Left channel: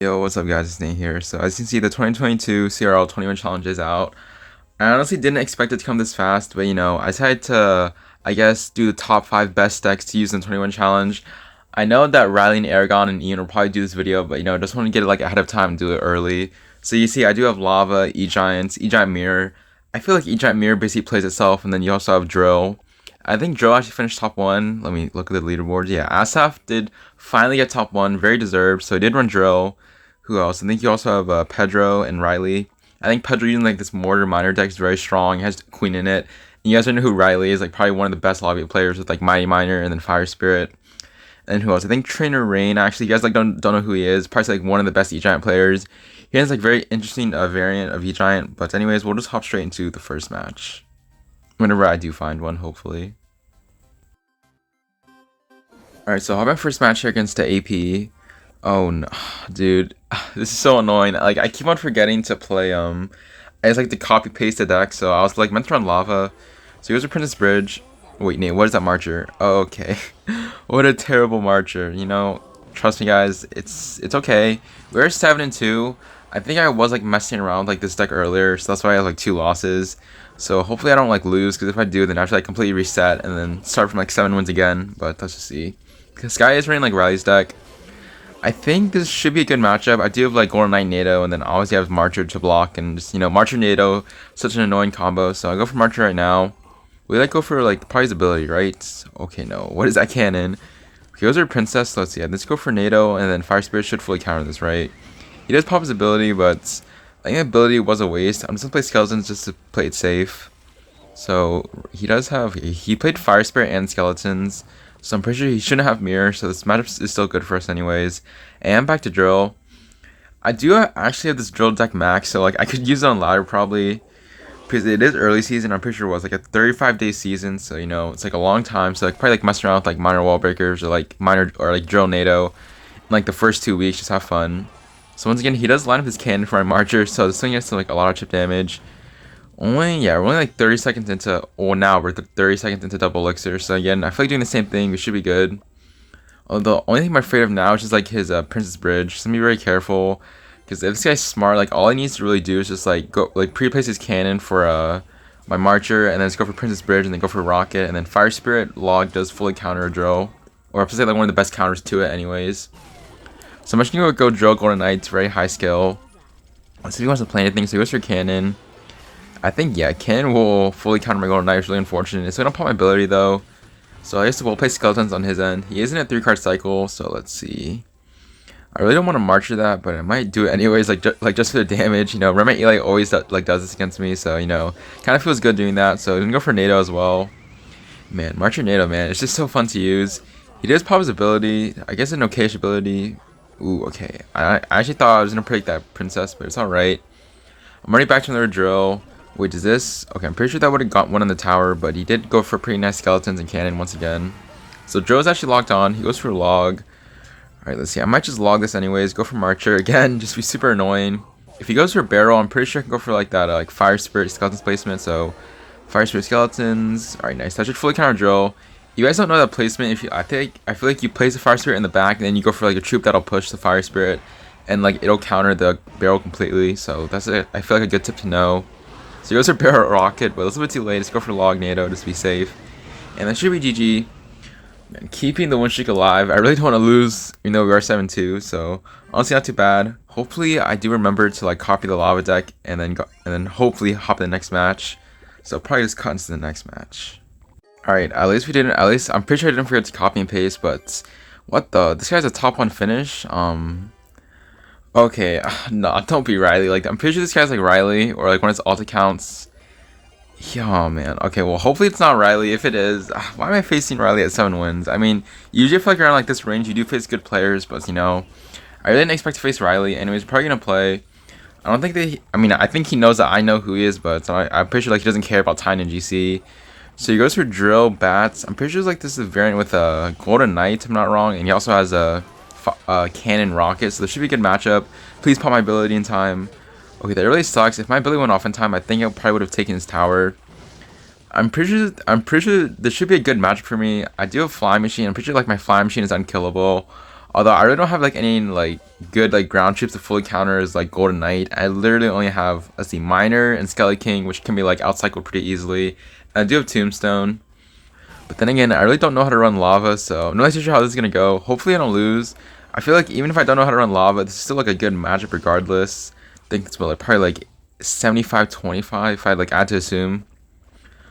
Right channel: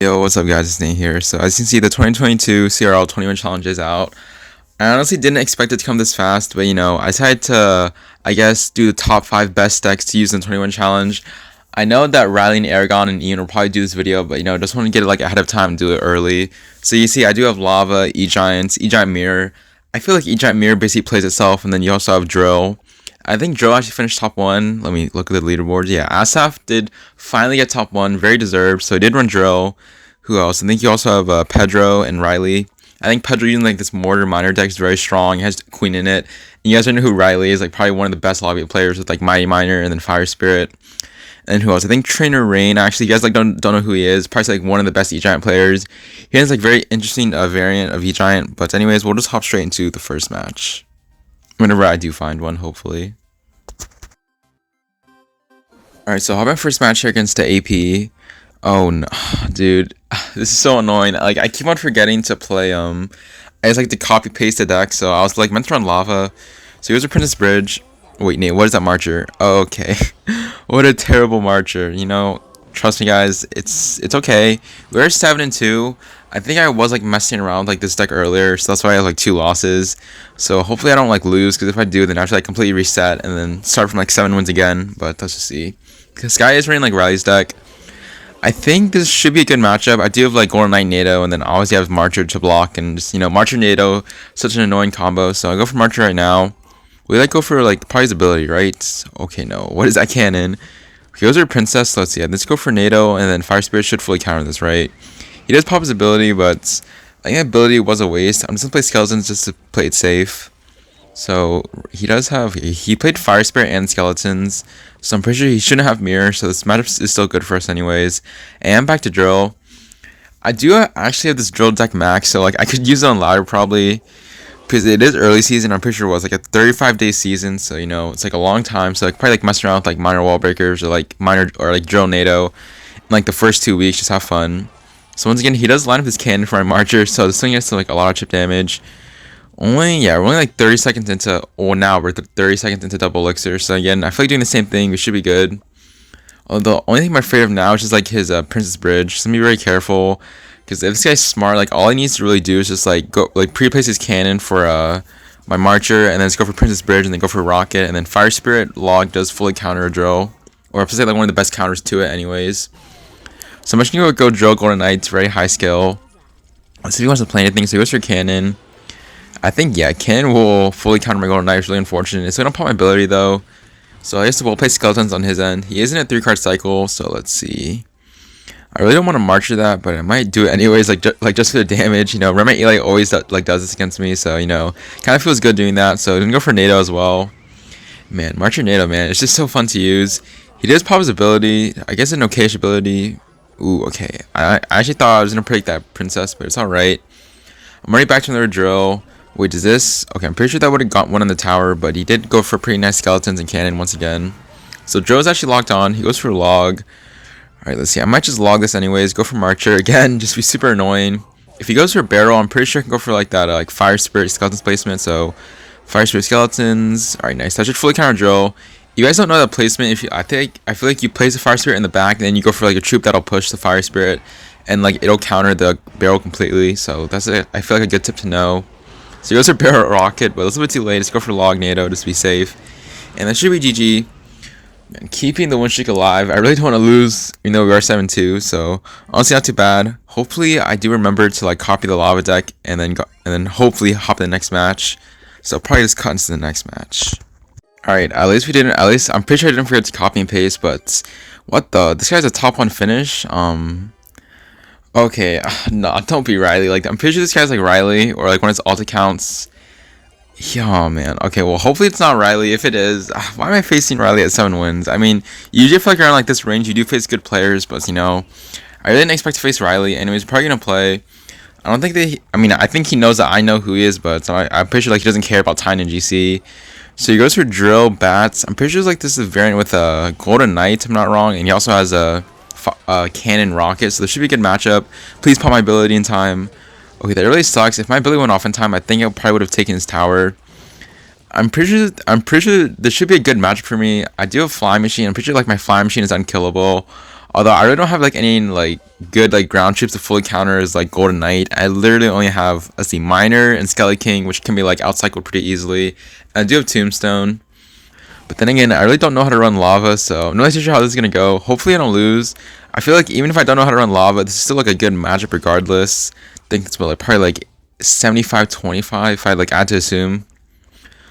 Yo, what's up guys, it's Nate here. So as you can see, the 2022 CRL 21 challenge is out. I honestly didn't expect it to come this fast, but I decided to, I guess, do the top 5 best decks to use in the 21 challenge. I know that Riley and Aragon and Ian will probably do this video, but just want to get it like ahead of time and do it early. So you see, I do have Lava, E-Giants, E-Giant Mirror. I feel like E-Giant Mirror basically plays itself, and then you also have Drill. I think Drill actually finished top 1. Let me look at the leaderboards. Yeah, Asaf did finally get top 1, very deserved, so he did run Drill. Who else? I think you also have Pedro and Riley. I think Pedro using like this Mortar Miner deck is very strong. He has Queen in it. And you guys know who Riley is, like probably one of the best lobby players with like Mighty Miner and then Fire Spirit. And who else? I think Trainer Rain. Actually, you guys like don't know who he is. Probably like one of the best E-Giant players. He has like very interesting variant of E-Giant. But anyways, we'll just hop straight into the first match. Whenever I do find one, hopefully. Alright, so I'll have my first match here against the AP. Oh no, dude, this is so annoying. Like I keep on forgetting to play. I just like to copy paste the deck. So I was like meant to run Lava. So here's a Princess Bridge. Wait, Nate, what is that marcher? Oh, okay. What a terrible marcher. Trust me, guys. It's okay. We're 7-2. I think I was like messing around with, like this deck earlier, so that's why I have like 2 losses. So hopefully I don't like lose, because if I do, then I have to like completely reset and then start from like 7 wins again. But let's just see. This guy is running like Riley's deck. I think this should be a good matchup. I do have like Golden Knight NATO, and then obviously I have Marcher to block, and just Marcher NATO, such an annoying combo. So I go for Marcher right now. We like go for like probably his ability, right? Okay, no. What is that cannon? He goes for Princess. Let's see. Let's go for NATO, and then Fire Spirit should fully counter this, right? He does pop his ability, but I think ability was a waste. I'm just gonna play Skeletons just to play it safe. So he does have, he played Fire Spirit and Skeletons. So I'm pretty sure he shouldn't have Mirror, so this matchup is still good for us anyways. And back to Drill. I do actually have this Drill deck max, so like I could use it on ladder probably. Because it is early season, I'm pretty sure it was like a 35-day season, so it's like a long time. So like probably like mess around with like minor wall breakers or like minor or like Drill NATO. In like the first 2 weeks, just have fun. So once again, he does line up his cannon for my Marcher, so this thing gets to like a lot of chip damage. We're only like 30 seconds into, now we're 30 seconds into double elixir. So again, I feel like doing the same thing, we should be good. Although the only thing I'm afraid of now is just like his Princess Bridge. So be very careful, because if this guy's smart, like all he needs to really do is just like go like pre-place his cannon for my Marcher, and then just go for Princess Bridge, and then go for Rocket, and then Fire Spirit Log does fully counter a Drill, or I say like one of the best counters to it anyways. So I'm just gonna go Drill Golden Knights, very high skill. Let's see if he wants to play anything. So he goes for Cannon. I think, yeah, Cannon will fully counter my Golden Knight. It's really unfortunate. So I don't pop my ability, though. So I guess we'll play Skeletons on his end. He is in a 3-card cycle, so let's see. I really don't want to Marcher that, but I might do it anyways, like just for the damage. Rema Eli always does this against me, so, kind of feels good doing that. So I'm going to go for NATO as well. Man, Marcher NATO, man. It's just so fun to use. He does pop his ability. I guess an okayish ability. Ooh, okay. I actually thought I was going to predict that Princess, but it's alright. I'm already back to another Drill. Wait, is this? Okay, I'm pretty sure that would have got one on the tower, but he did go for pretty nice Skeletons and Cannon once again. So Joe's actually locked on. He goes for Log. Alright, let's see. I might just log this anyways. Go for Marcher. Again, just be super annoying. If he goes for Barrel, I'm pretty sure I can go for like that like Fire Spirit Skeletons placement. So Fire Spirit Skeletons. Alright, nice. That should fully counter Drill. You guys don't know that placement. I feel like you place the Fire Spirit in the back, and then you go for like a troop that'll push the Fire Spirit, and like it'll counter the Barrel completely. So that's it. I feel like a good tip to know. So he goes for Barrel Rocket, but it's a little bit too late. Let's go for Log NATO just to be safe. And that should be GG. And keeping the win streak alive. I really don't want to lose. We are 7-2, so honestly not too bad. Hopefully I do remember to like copy the lava deck and then hopefully hop in the next match. So probably just cut into the next match. Alright, at least I'm pretty sure I didn't forget to copy and paste, but what the? This guy's a top 1 finish. Okay, no, don't be Riley. Like, I'm pretty sure this guy's like Riley, or like one of his alt accounts. Yeah, man. Okay, well, hopefully it's not Riley. If it is, why am I facing Riley at 7 wins? I mean, usually I feel like around like this range, you do face good players, but I really didn't expect to face Riley. Anyways, probably gonna play. I don't think I think he knows that I know who he is, but I'm pretty sure like he doesn't care about Tyne and GC. So he goes for Drill, Bats. I'm pretty sure like this is a variant with a Golden Knight, if I'm not wrong, and he also has a Cannon Rocket, so this should be a good matchup. Please pop my ability in time. Okay, that really sucks. If my ability went off in time, I think I probably would have taken his tower. I'm pretty sure this should be a good matchup for me. I do have Fly Machine. I'm pretty sure like my Fly Machine is unkillable. Although I really don't have like any like good like ground troops to fully counter as like Golden Knight. I literally only have, let's see, Miner and Skelly King, which can be like outcycled pretty easily. And I do have Tombstone. But then again, I really don't know how to run Lava, so I'm not really sure how this is gonna go. Hopefully I don't lose. I feel like even if I don't know how to run Lava, this is still like a good matchup regardless. I think it's like probably like 75-25 if I like add to assume.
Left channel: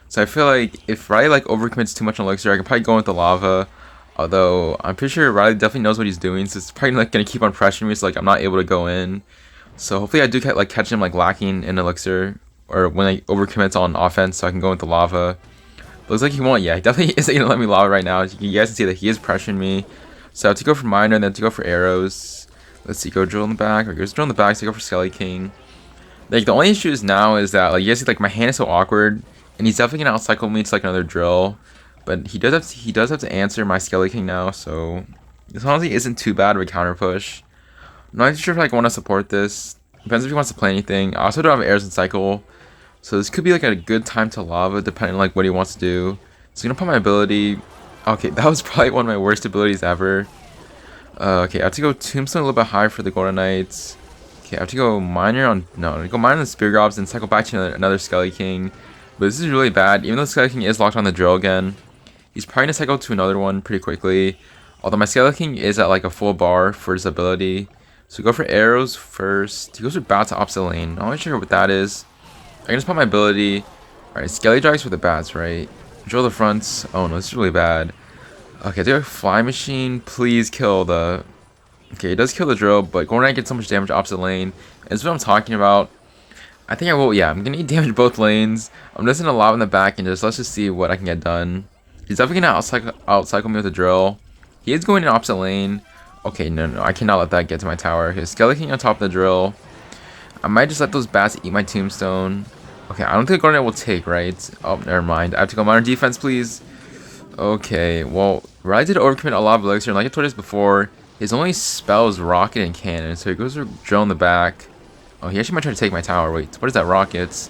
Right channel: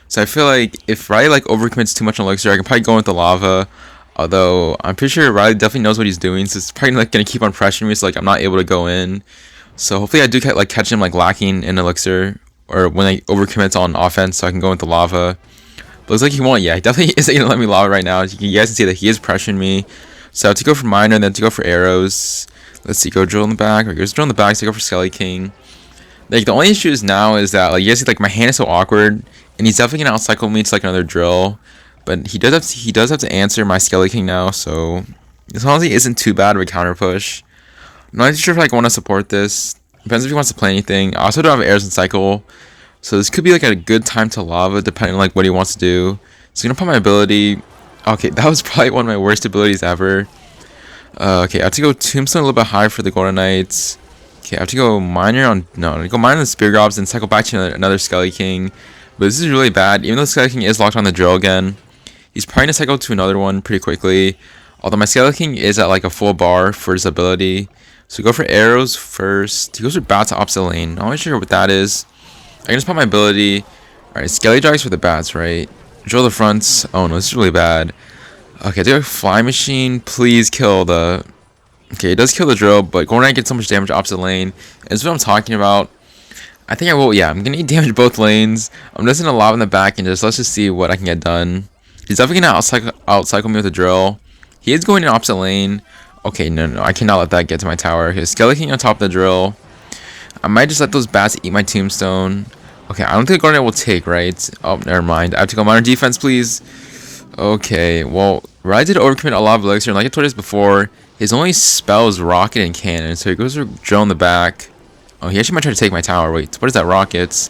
So I feel like if Riley like overcommits too much on Elixir, I can probably go into Lava. Although I'm pretty sure Riley definitely knows what he's doing, so it's probably like gonna keep on pressuring me, so like I'm not able to go in. So hopefully I do like catch him like lacking in Elixir, or when I overcommits on offense, so I can go into Lava. But looks like he won't. Yeah, he definitely isn't gonna let me Lava right now. You guys can see that he is pressuring me. So I have to go for Miner, and then to go for arrows. Let's see, go drill in the back. Or goes drill in the back, so go for Skelly King. Like the only issue is now is that like you guys see like my hand is so awkward, and he's definitely gonna outcycle me to like another drill. But he does have to answer my Skelly King now, so this honestly isn't too bad of a counter push. I'm not sure if like, I want to support this. Depends if he wants to play anything. I also don't have arrows in cycle, so this could be like a good time to Lava depending on like what he wants to do. So I'm gonna put my ability. Okay, that was probably one of my worst abilities ever. Okay, I have to go Tombstone a little bit higher for the Golden Knights. Okay, I have to go Miner on... No, I go Miner on the Spear Gobs and cycle back to another Skelly King. But this is really bad. Even though Skelly King is locked on the drill again, he's probably going to cycle to another one pretty quickly. Although my Skelly King is at like a full bar for his ability. So go for arrows first. He goes for bats to opposite lane. Not really sure what that is. I can just put my ability. Alright, Skelly Jogs for the bats, right? Drill the fronts. Oh no, this is really bad. Okay, do a Fly Machine. Please kill the... Okay, it does kill the drill, but Golden Knight gets so much damage opposite lane. And that's what I'm talking about. I think I will, yeah, I'm gonna need damage both lanes. I'm just gonna lob in the back and let's just see what I can get done. He's definitely gonna outcycle me with a drill. He is going in opposite lane. Okay, no, I cannot let that get to my tower. Okay, Skelly King on top of the drill. I might just let those bats eat my Tombstone. Okay, I don't think Golden Knight will take, right? Oh, never mind. I have to go Modern Defense, please. Okay, well, Riley did overcommit a lot of Elixir, and like I told you before, his only spell is Rocket and Cannon, so he goes for drill in the back. Oh, he actually might try to take my tower. Wait, what is that? Rockets.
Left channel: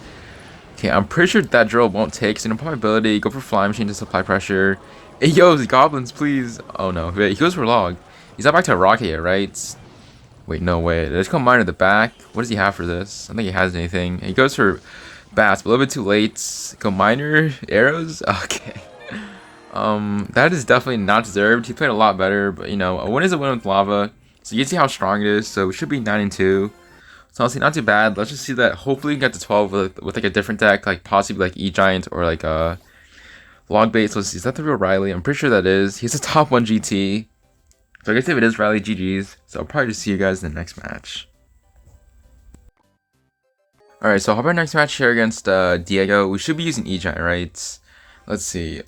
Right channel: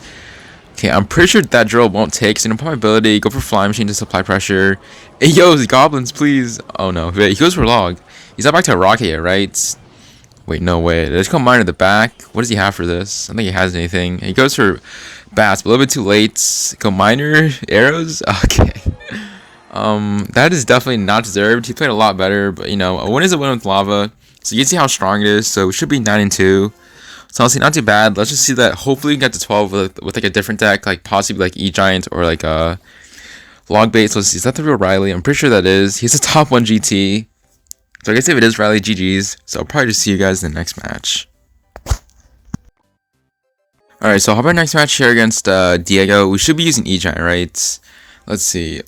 Okay, I'm pretty sure that drill won't take, so I'm gonna put my ability, go for Fly Machine to supply pressure. Hey, yo, goblins, please. Oh no, wait, he goes for Log. He's not back to a Rocket yet, right? Wait, no way. Let's go Miner in the back. What does he have for this? I don't think he has anything. He goes for Bats, but a little bit too late. Go Miner, arrows. Okay. That is definitely not deserved. He played a lot better, but you know, a win is a win with Lava. So you can see how strong it is. So it should be 9-2. So honestly, not too bad. Let's just see that. Hopefully, we can get to 12 with like a different deck, like possibly like E-Giant or like Log Bait. So let's see, is that the real Riley? I'm pretty sure that is. He's a top 1 GT. So I guess if it is Riley, GG's. So I'll probably just see you guys in the next match. Alright, so how about next match here against Diego? We should be using E-Giant, right? Let's see.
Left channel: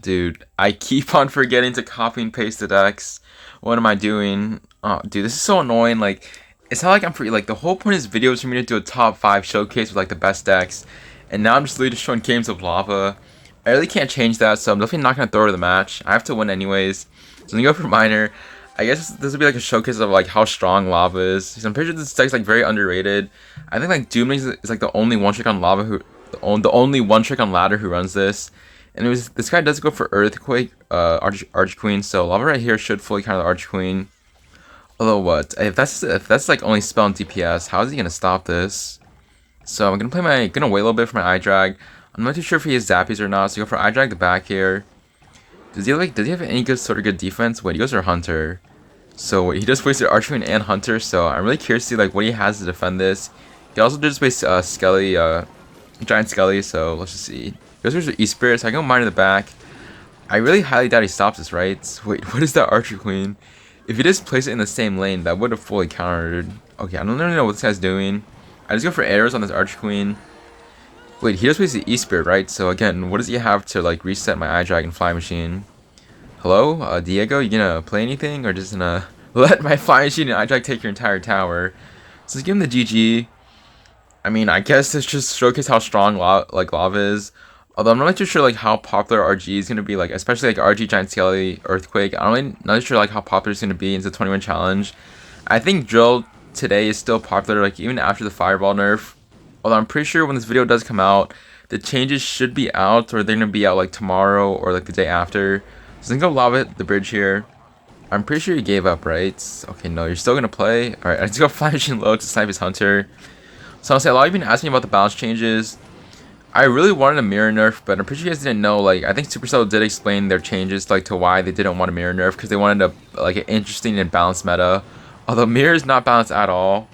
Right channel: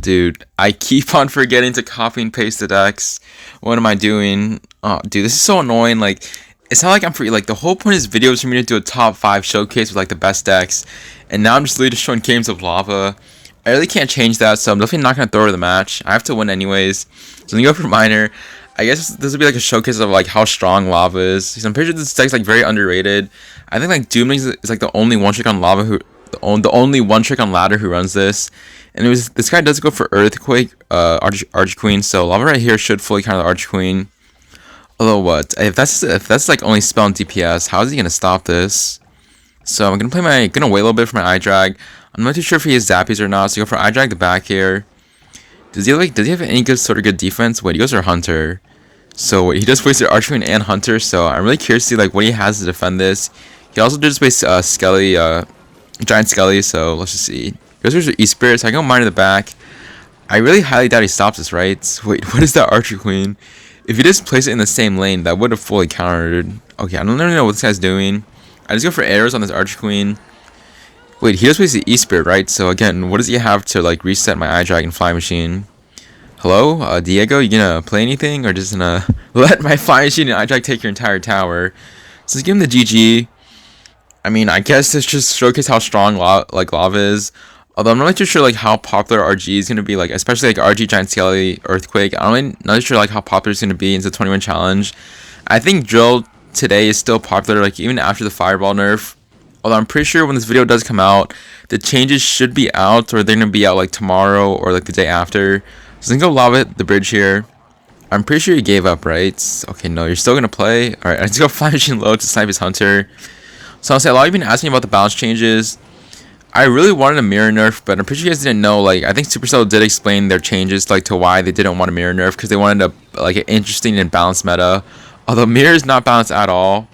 Dude, I keep on forgetting to copy and paste the decks. What am I doing? Oh, dude, this is so annoying. Like, it's not like I'm free. Like, the whole point of this video is for me to do a top 5 showcase with like the best decks. And now I'm just literally just showing games of Lava. I really can't change that, so I'm definitely not going to throw her the match. I have to win anyways. So I'm going to go for Miner. I guess this would be like a showcase of like how strong Lava is. So I'm pretty sure this deck's like very underrated. I think like Doom is like the only one trick on Lava who... The only one trick on ladder who runs this, and this guy does go for Earthquake, Arch Queen. So Lava right here should fully counter the Arch Queen. Although what if that's like only spell and DPS? How is he gonna stop this? So I'm gonna wait a little bit for my eye drag. I'm not too sure if he has zappies or not. So go for eye drag the back here. Does he have any good defense? Wait, he goes for Hunter. So he does waste Arch Queen and Hunter. So I'm really curious to see like what he has to defend this. He also does waste Skelly. Giant Skelly, so let's just see. Goes for E-Spirit, so I go Mine in the back. I really highly doubt he stops this, right? Wait, what is that Archer Queen? If he just place it in the same lane, that would have fully countered. Okay, I don't really know what this guy's doing. I just go for arrows on this Archer Queen. Wait, he just plays the E-Spirit, right? So again, what does he have to like reset my Eye Dragon Fly Machine? Hello, Diego, you gonna play anything? Or just gonna let my Fly Machine and Eye Drag take your entire tower? So let's give him the GG. I mean, I guess this just showcase how strong Lava is. Although I'm not really too sure like how popular RG is gonna be, like especially like RG Giant Skelly Earthquake. I'm really not sure like how popular it's gonna be in the 21 challenge. I think Drill today is still popular, like even after the Fireball nerf. Although I'm pretty sure when this video does come out, the changes should be out, or they're gonna be out like tomorrow or like the day after. So I'm gonna go Lava the bridge here. I'm pretty sure you gave up, right? Okay, no, you're still gonna play. All right, let's go Flying Machine low to snipe his hunter. So I'll say a lot of you been asking me about the balance changes. I really wanted a mirror nerf, but I'm pretty sure you guys didn't know. Like, I think Supercell did explain their changes, like to why they didn't want a mirror nerf, because they wanted a like an interesting and balanced meta. Although mirror is not balanced at all.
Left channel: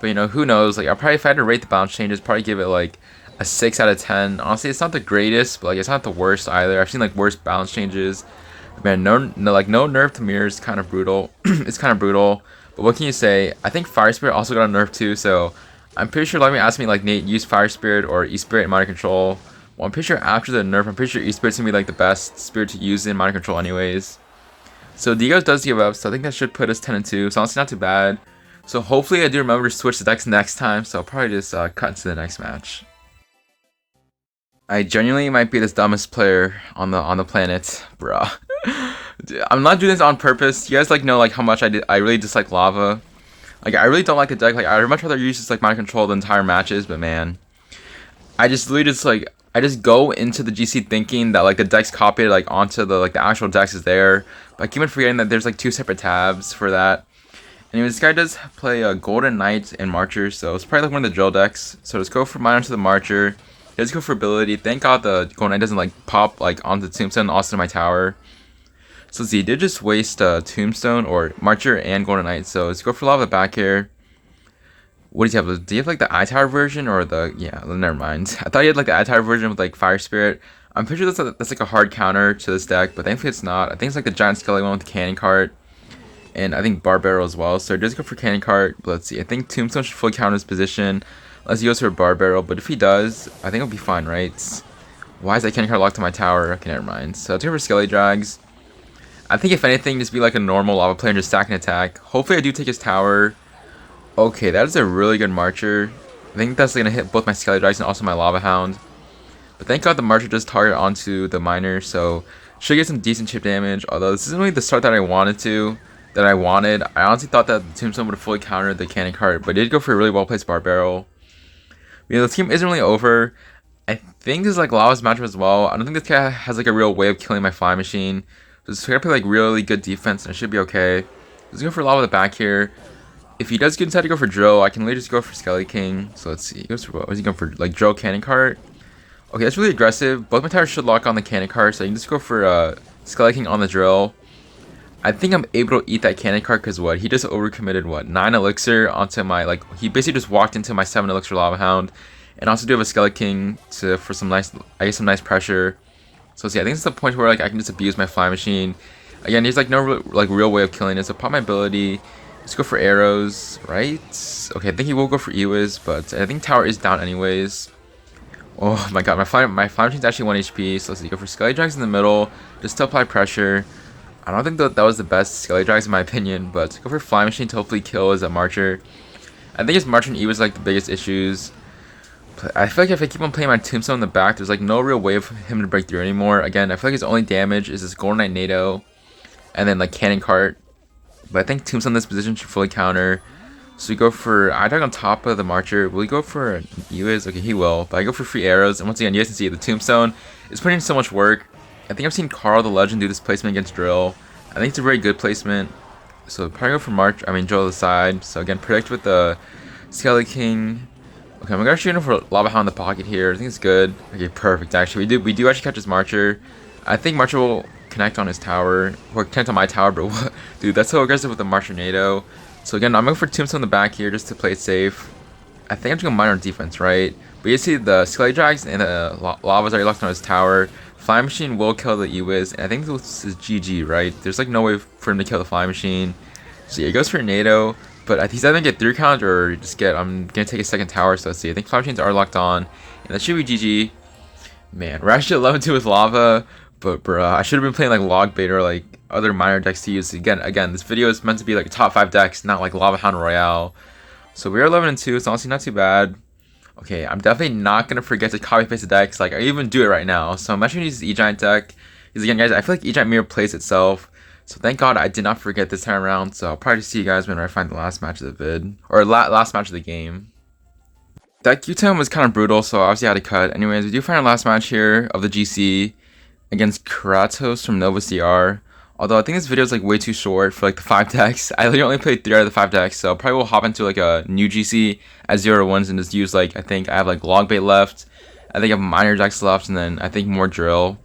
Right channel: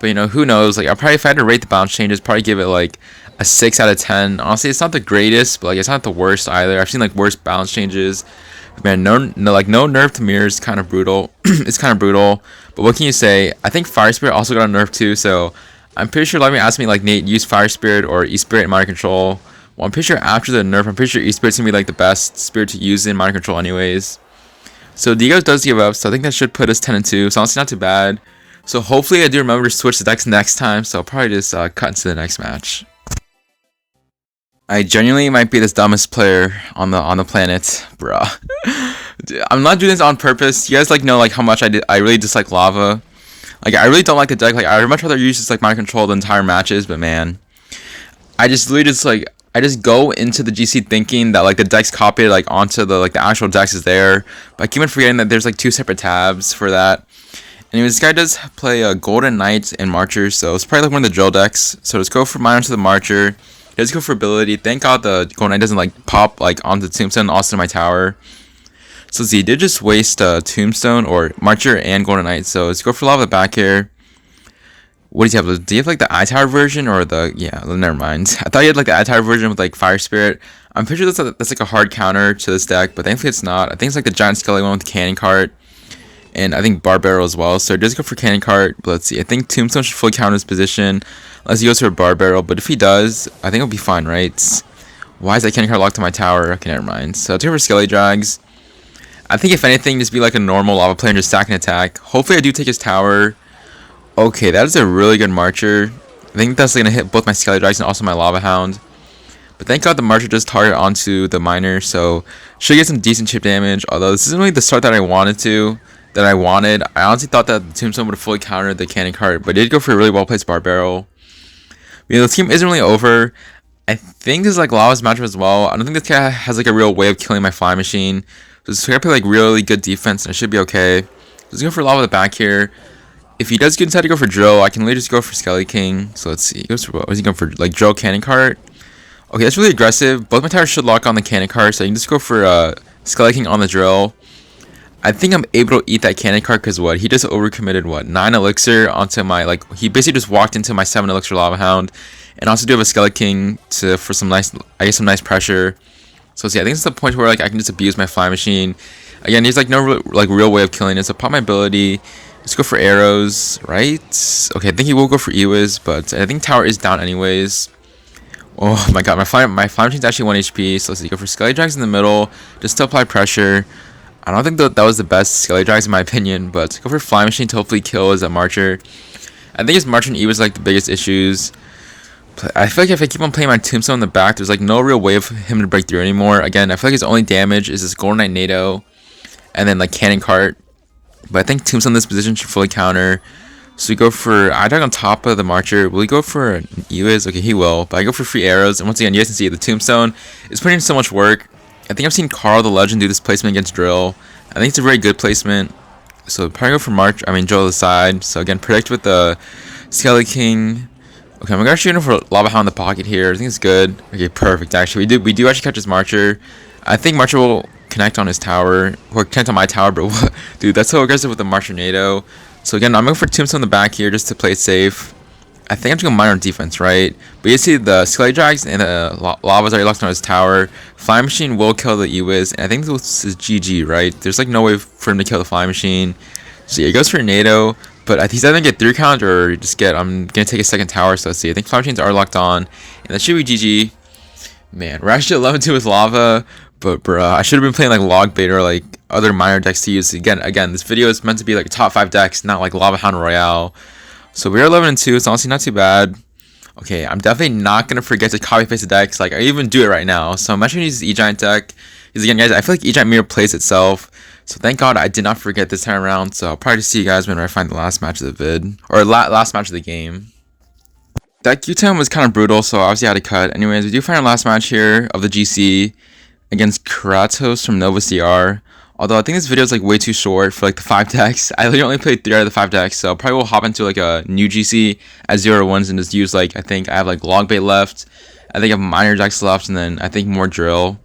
But you know, who knows? Like, I probably if I had to rate the balance changes, probably give it like a 6 out of 10. Honestly, it's not the greatest, but like it's not the worst either. I've seen like worse balance changes. Man, no nerf to mirror is kind of brutal. It's kind of brutal. But what can you say? I think Fire Spirit also got a nerf too, so I'm pretty sure a lot of you asked me like, Nate, use Fire Spirit or E-Spirit in Mind Control. Well, I'm pretty sure after the nerf, I'm pretty sure E-Spirit's gonna be like the best spirit to use in Mind Control anyways. So Diego does give up, so I think that should put us 10-2. So honestly not too bad. So hopefully I do remember to switch the decks next time, so I'll probably just cut into the next match. I genuinely might be the dumbest player on the planet, bruh. I'm not doing this on purpose. You guys like know like how much I really dislike lava. Like I really don't like the deck. Like I would much rather use just like Mind Control the entire matches, but man, I just literally just like I just go into the GC thinking that like the deck's copied like onto the like the actual decks is there, but I keep on forgetting that there's like two separate tabs for that. Anyways, this guy does play Golden Knights and Marcher, so it's probably like one of the drill decks. So let's go for mine onto the Marcher. Let's go for ability. Thank God the Golden Knight doesn't like pop like onto the Tombstone, also my tower. So let's see, he did just waste Tombstone or Marcher and Golden Knight. So let's go for lava back here. What does he have? Do you have like the iTower version or the never mind. I thought you had like the iTower version with like Fire Spirit. I'm pretty sure that's like a hard counter to this deck, but thankfully it's not. I think it's like the Giant Skelly one with the Cannon Cart. And I think Bar Barrel as well. So just go for Cannon Cart. But let's see. I think Tombstone should fully counter his position. Unless he goes for a Bar Barrel. But if he does, I think it'll be fine, right? Why is that Cannon Cart locked to my tower? Okay, never mind. So I'll take for Skelly Drags. I think if anything, just be like a normal lava player and just stack and attack. Hopefully I do take his tower. Okay, that is a really good Marcher. I think that's going to hit both my Skelly Drags and also my Lava Hound. But thank God the Marcher does target onto the Miner. So should get some decent chip damage. Although this isn't really the start that I wanted to. I honestly thought that the Tombstone would have fully countered the Cannon Cart, but it did go for a really well placed Bar Barrel. You know, the team isn't really over. I think this is like Lava's matchup as well. I don't think this guy has like a real way of killing my Fly Machine. So this guy play like really good defense and it should be okay. Let's go for Lava the back here. If he does decide to go for Drill, I can literally just go for Skelly King. So let's see. He goes for what? Is he going for like Drill Cannon Cart? Okay, that's really aggressive. Both my towers should lock on the Cannon Cart, so I can just go for Skelly King on the Drill. I think I'm able to eat that Cannon Cart because what? He just overcommitted what? 9 elixir onto my like he basically just walked into my 7 elixir Lava Hound. And also do have a Skelly King for some nice some nice pressure. So see, I think it's the point where like I can just abuse my Fly Machine. Again, there's like no real way of killing it. So pop my ability. Let's go for arrows, right? Okay, I think he will go for Ewiz, but I think tower is down anyways. Oh my god, my Fly Machine's actually 1 HP. So let's see, go for Skelly Drags in the middle just to apply pressure. I don't think that was the best Skelly Drags in my opinion, but go for Fly Machine to hopefully kill as a Marcher. I think his Marcher and E was like the biggest issues. I feel like if I keep on playing my Tombstone in the back, there's like no real way of him to break through anymore. Again, I feel like his only damage is this Golden Knight NATO, and then like Cannon Cart. But I think Tombstone in this position should fully counter. So we go for I-Dog on top of the Marcher. Will he go for an Ewiz? Okay, he will. But I go for free arrows, and once again, you guys can see the Tombstone is putting in so much work. I think I've seen Carl the Legend do this placement against Drill. I think it's a very good placement. So probably go for Drill to the side. So again, protect with the Skelly King. Okay, I'm gonna shoot him for Lava Hound in the pocket here. I think it's good. Okay, perfect. Actually, we do actually catch his Marcher. I think Marcher will connect on his tower or connect on my tower, but what? Dude, that's so aggressive with the Marcher NATO. So again, I'm going for Tombstone in the back here just to play it safe. I think I'm just going to mine on defense, right? But you see the Skelly Drags and the Lava's already locked on his tower. Fly Machine will kill the Ewiz, and I think this is GG, right? There's like no way for him to kill the Fly Machine. So yeah, he goes for NATO, but he's either going to get 3 count or just I'm going to take a second tower. So let's see. I think Fly Machines are locked on, and that should be GG. Man, we're actually 11-2 with Lava, but bruh, I should have been playing like Log Bait or like other minor decks to use. Again, this video is meant to be like top 5 decks, not like Lava Hound Royale. So we're 11-2. It's honestly not too bad. Okay, I'm definitely not gonna forget to copy paste the decks. Like I even do it right now. So I'm actually gonna use E-Giant deck. Because again, guys, I feel like E-Giant mirror plays itself. So thank God I did not forget this time around. So I'll probably see you guys when I find the last match of the vid or last match of the game. That Q-Time was kind of brutal, so obviously I had to cut. Anyways, we do find our last match here of the GC against Kratos from Nova CR. Although I think this video is like way too short for like the 5 decks. I literally only played 3 out of the 5 decks, so probably will hop into like a new GC at 0-1s and just use like, I think I have like log bait left. I think I have minor decks left, and then I think more drill.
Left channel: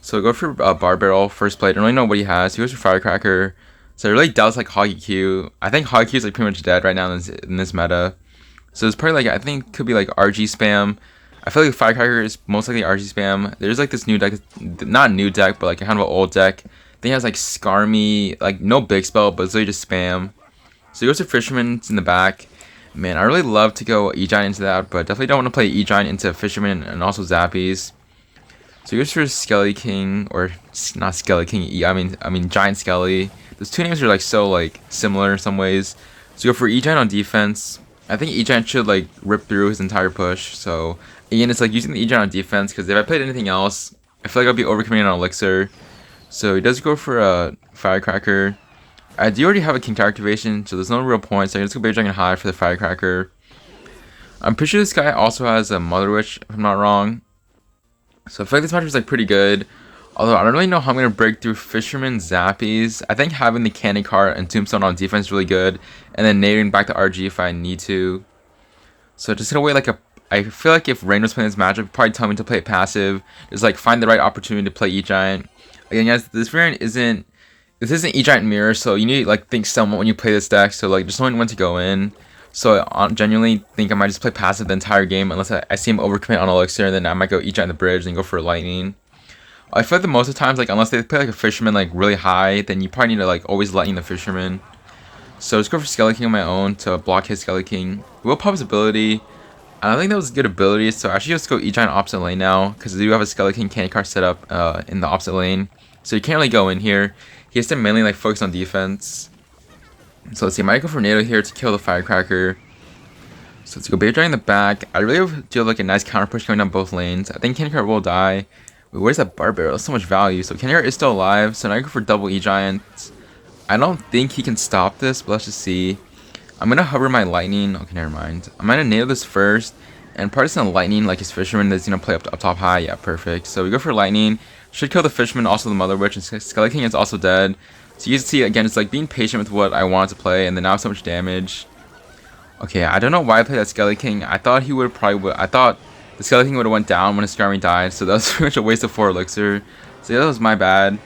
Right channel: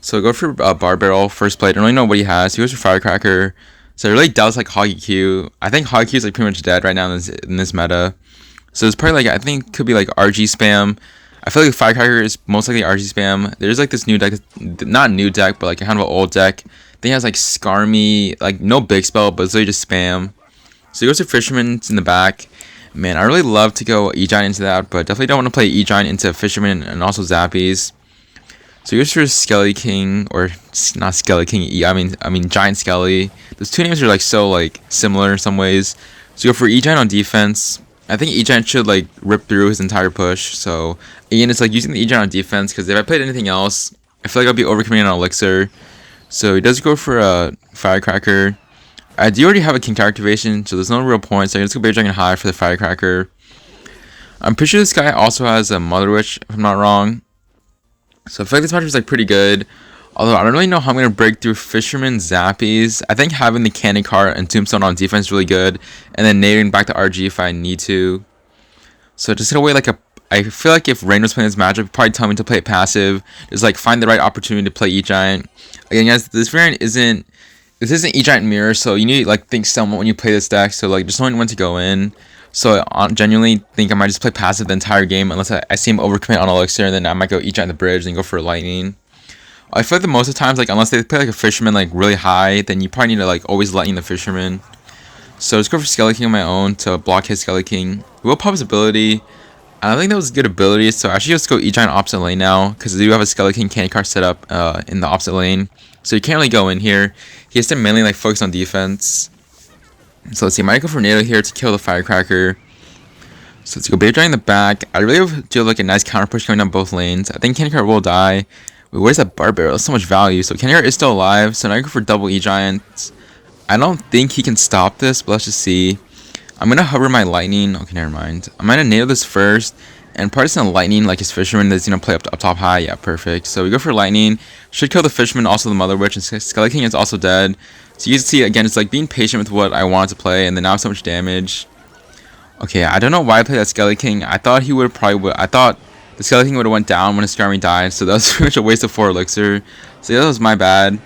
So go for bar barrel first play. I don't really know what he has. He goes for firecracker. So it really does like Hoggy Q. I think Hoggy Q is like pretty much dead right now in this meta. So it's probably like, I think could be like RG spam. I feel like firecracker is most likely RG spam. There's like this new deck, not new deck, but like kind of an old deck. I think it has like Skarmy, like no big spell, but it's really just spam. So he goes to Fisherman in the back. Man, I really love to go E-Giant into that, but definitely don't want to play E-Giant into Fisherman and also Zappies. So he goes for Skelly King, or not Skelly King, I mean Giant Skelly. Those two names are like so like similar in some ways. So you go for E-Giant on defense. I think E-Giant should like rip through his entire push. So again, it's like using the E-Giant on defense, because if I played anything else, I feel like I'll be overcommitting on Elixir. So he does go for a Firecracker. I do already have a King activation, so there's no real point. So I can just go Bear Dragon High for the Firecracker. I'm pretty sure this guy also has a Mother Witch, if I'm not wrong. So I feel like this match is like pretty good. Although I don't really know how I'm going to break through Fisherman Zappies. I think having the Candy Cart and Tombstone on defense is really good. And then nading back to RG if I need to. So just in a way, like I feel like if Rain was playing this matchup, he'd probably tell me to play it passive. Just like find the right opportunity to play E-Giant. Again, guys, this variant isn't E-Giant Mirror, so you need to like think somewhat when you play this deck. So like just knowing when to go in. So I genuinely think I might just play passive the entire game unless I see him overcommit on Elixir, and then I might go E-Giant the bridge and go for Lightning. I feel like the most of the times, like unless they play like a Fisherman like really high, then you probably need to like always Lightning the Fisherman. So just go for Skelly King on my own to block his Skelly King. He will pop his ability. And I think that was a good ability, so I should just go E-Giant opposite lane now, because I do have a Skelly King Candy Card set up in the opposite lane. So you can't really go in here. He has to mainly like focus on defense. So let's see, I might go for NATO here to kill the Firecracker. So let's go Bear Dragon in the back. I really do like a nice counter push coming down both lanes. I think Candy Card will die. Wait, where's that Bar Barrel? That's so much value. So Candy Card is still alive, so now I go for double E-Giant. I don't think he can stop this, but let's just see. I'm gonna hover my Lightning. Okay, never mind. I'm gonna nail this first, and probably just gonna Lightning like his Fisherman that's gonna play up top high. Yeah, perfect. So we go for Lightning. Should kill the Fisherman, also the Mother Witch, and Skelly King is also dead. So you can see again, it's like being patient with what I wanted to play, and then now so much damage. Okay, I don't know why I played that Skelly King. I thought he would probably. I thought the Skelly King would have went down when his Skarmy died, so that was pretty much a waste of 4 Elixir. So yeah, that was my bad.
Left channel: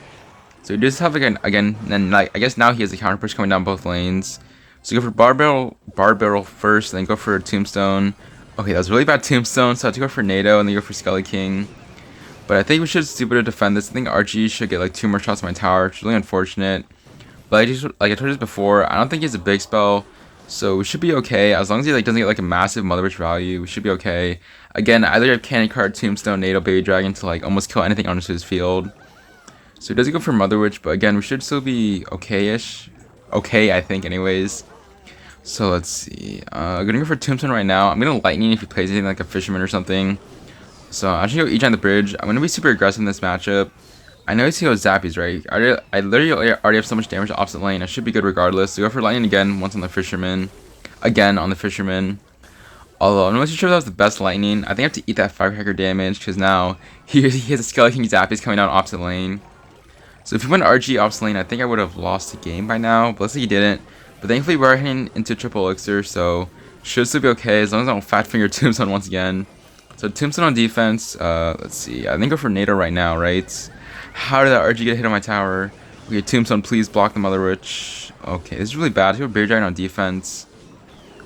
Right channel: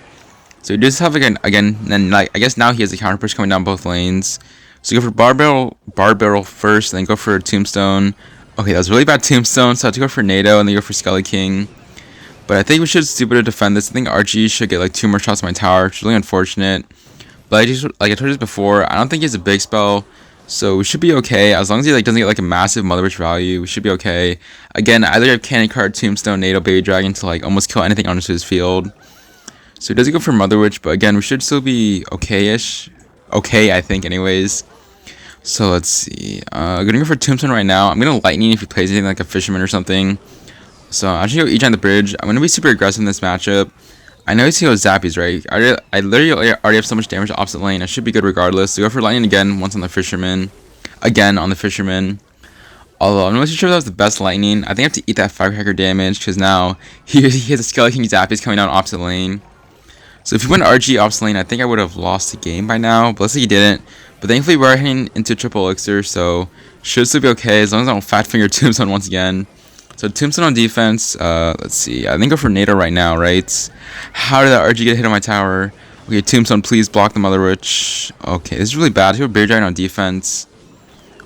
So you just have again, and like I guess now he has a counter push coming down both lanes. So you go for Bar Barrel first, and then go for Tombstone. Okay, that was really bad Tombstone, so I have to go for NATO, and then go for Skelly King. But I think we should stupid to defend this. I think RG should get like 2 more shots on my tower, which is really unfortunate. But I just, like I told you before, I don't think he has a big spell, so we should be okay. As long as he like doesn't get like a massive Mother Witch value, we should be okay. Again, I either have Candy Card, Tombstone, NATO, Baby Dragon to like almost kill anything onto his field. So he doesn't go for Mother Witch, but again, we should still be okay-ish. Okay, I think, anyways. So let's see. I'm gonna go for Tombstone right now. I'm gonna Lightning if he plays anything like a Fisherman or something. So I should go E-Giant the bridge. I'm gonna be super aggressive in this matchup. I know he's gonna go Zappies, right? I literally already have so much damage opposite lane. I should be good regardless. So go for Lightning again, once on the Fisherman. Again on the Fisherman. Although I'm not sure if that was the best Lightning. I think I have to eat that Firecracker damage, because now he has a Skelly King Zappies coming down opposite lane. So if he went RG opposite lane, I think I would have lost the game by now. But let's say he didn't. But thankfully we're heading into triple Elixir, so should still be okay as long as I don't Fat Finger Tombstone once again. So Tombstone on defense, let's see. I think go for NATO right now, right? How did that RG get hit on my tower? Okay, Tombstone, please block the Mother Witch. Okay, this is really bad. I have Bear Dragon on defense.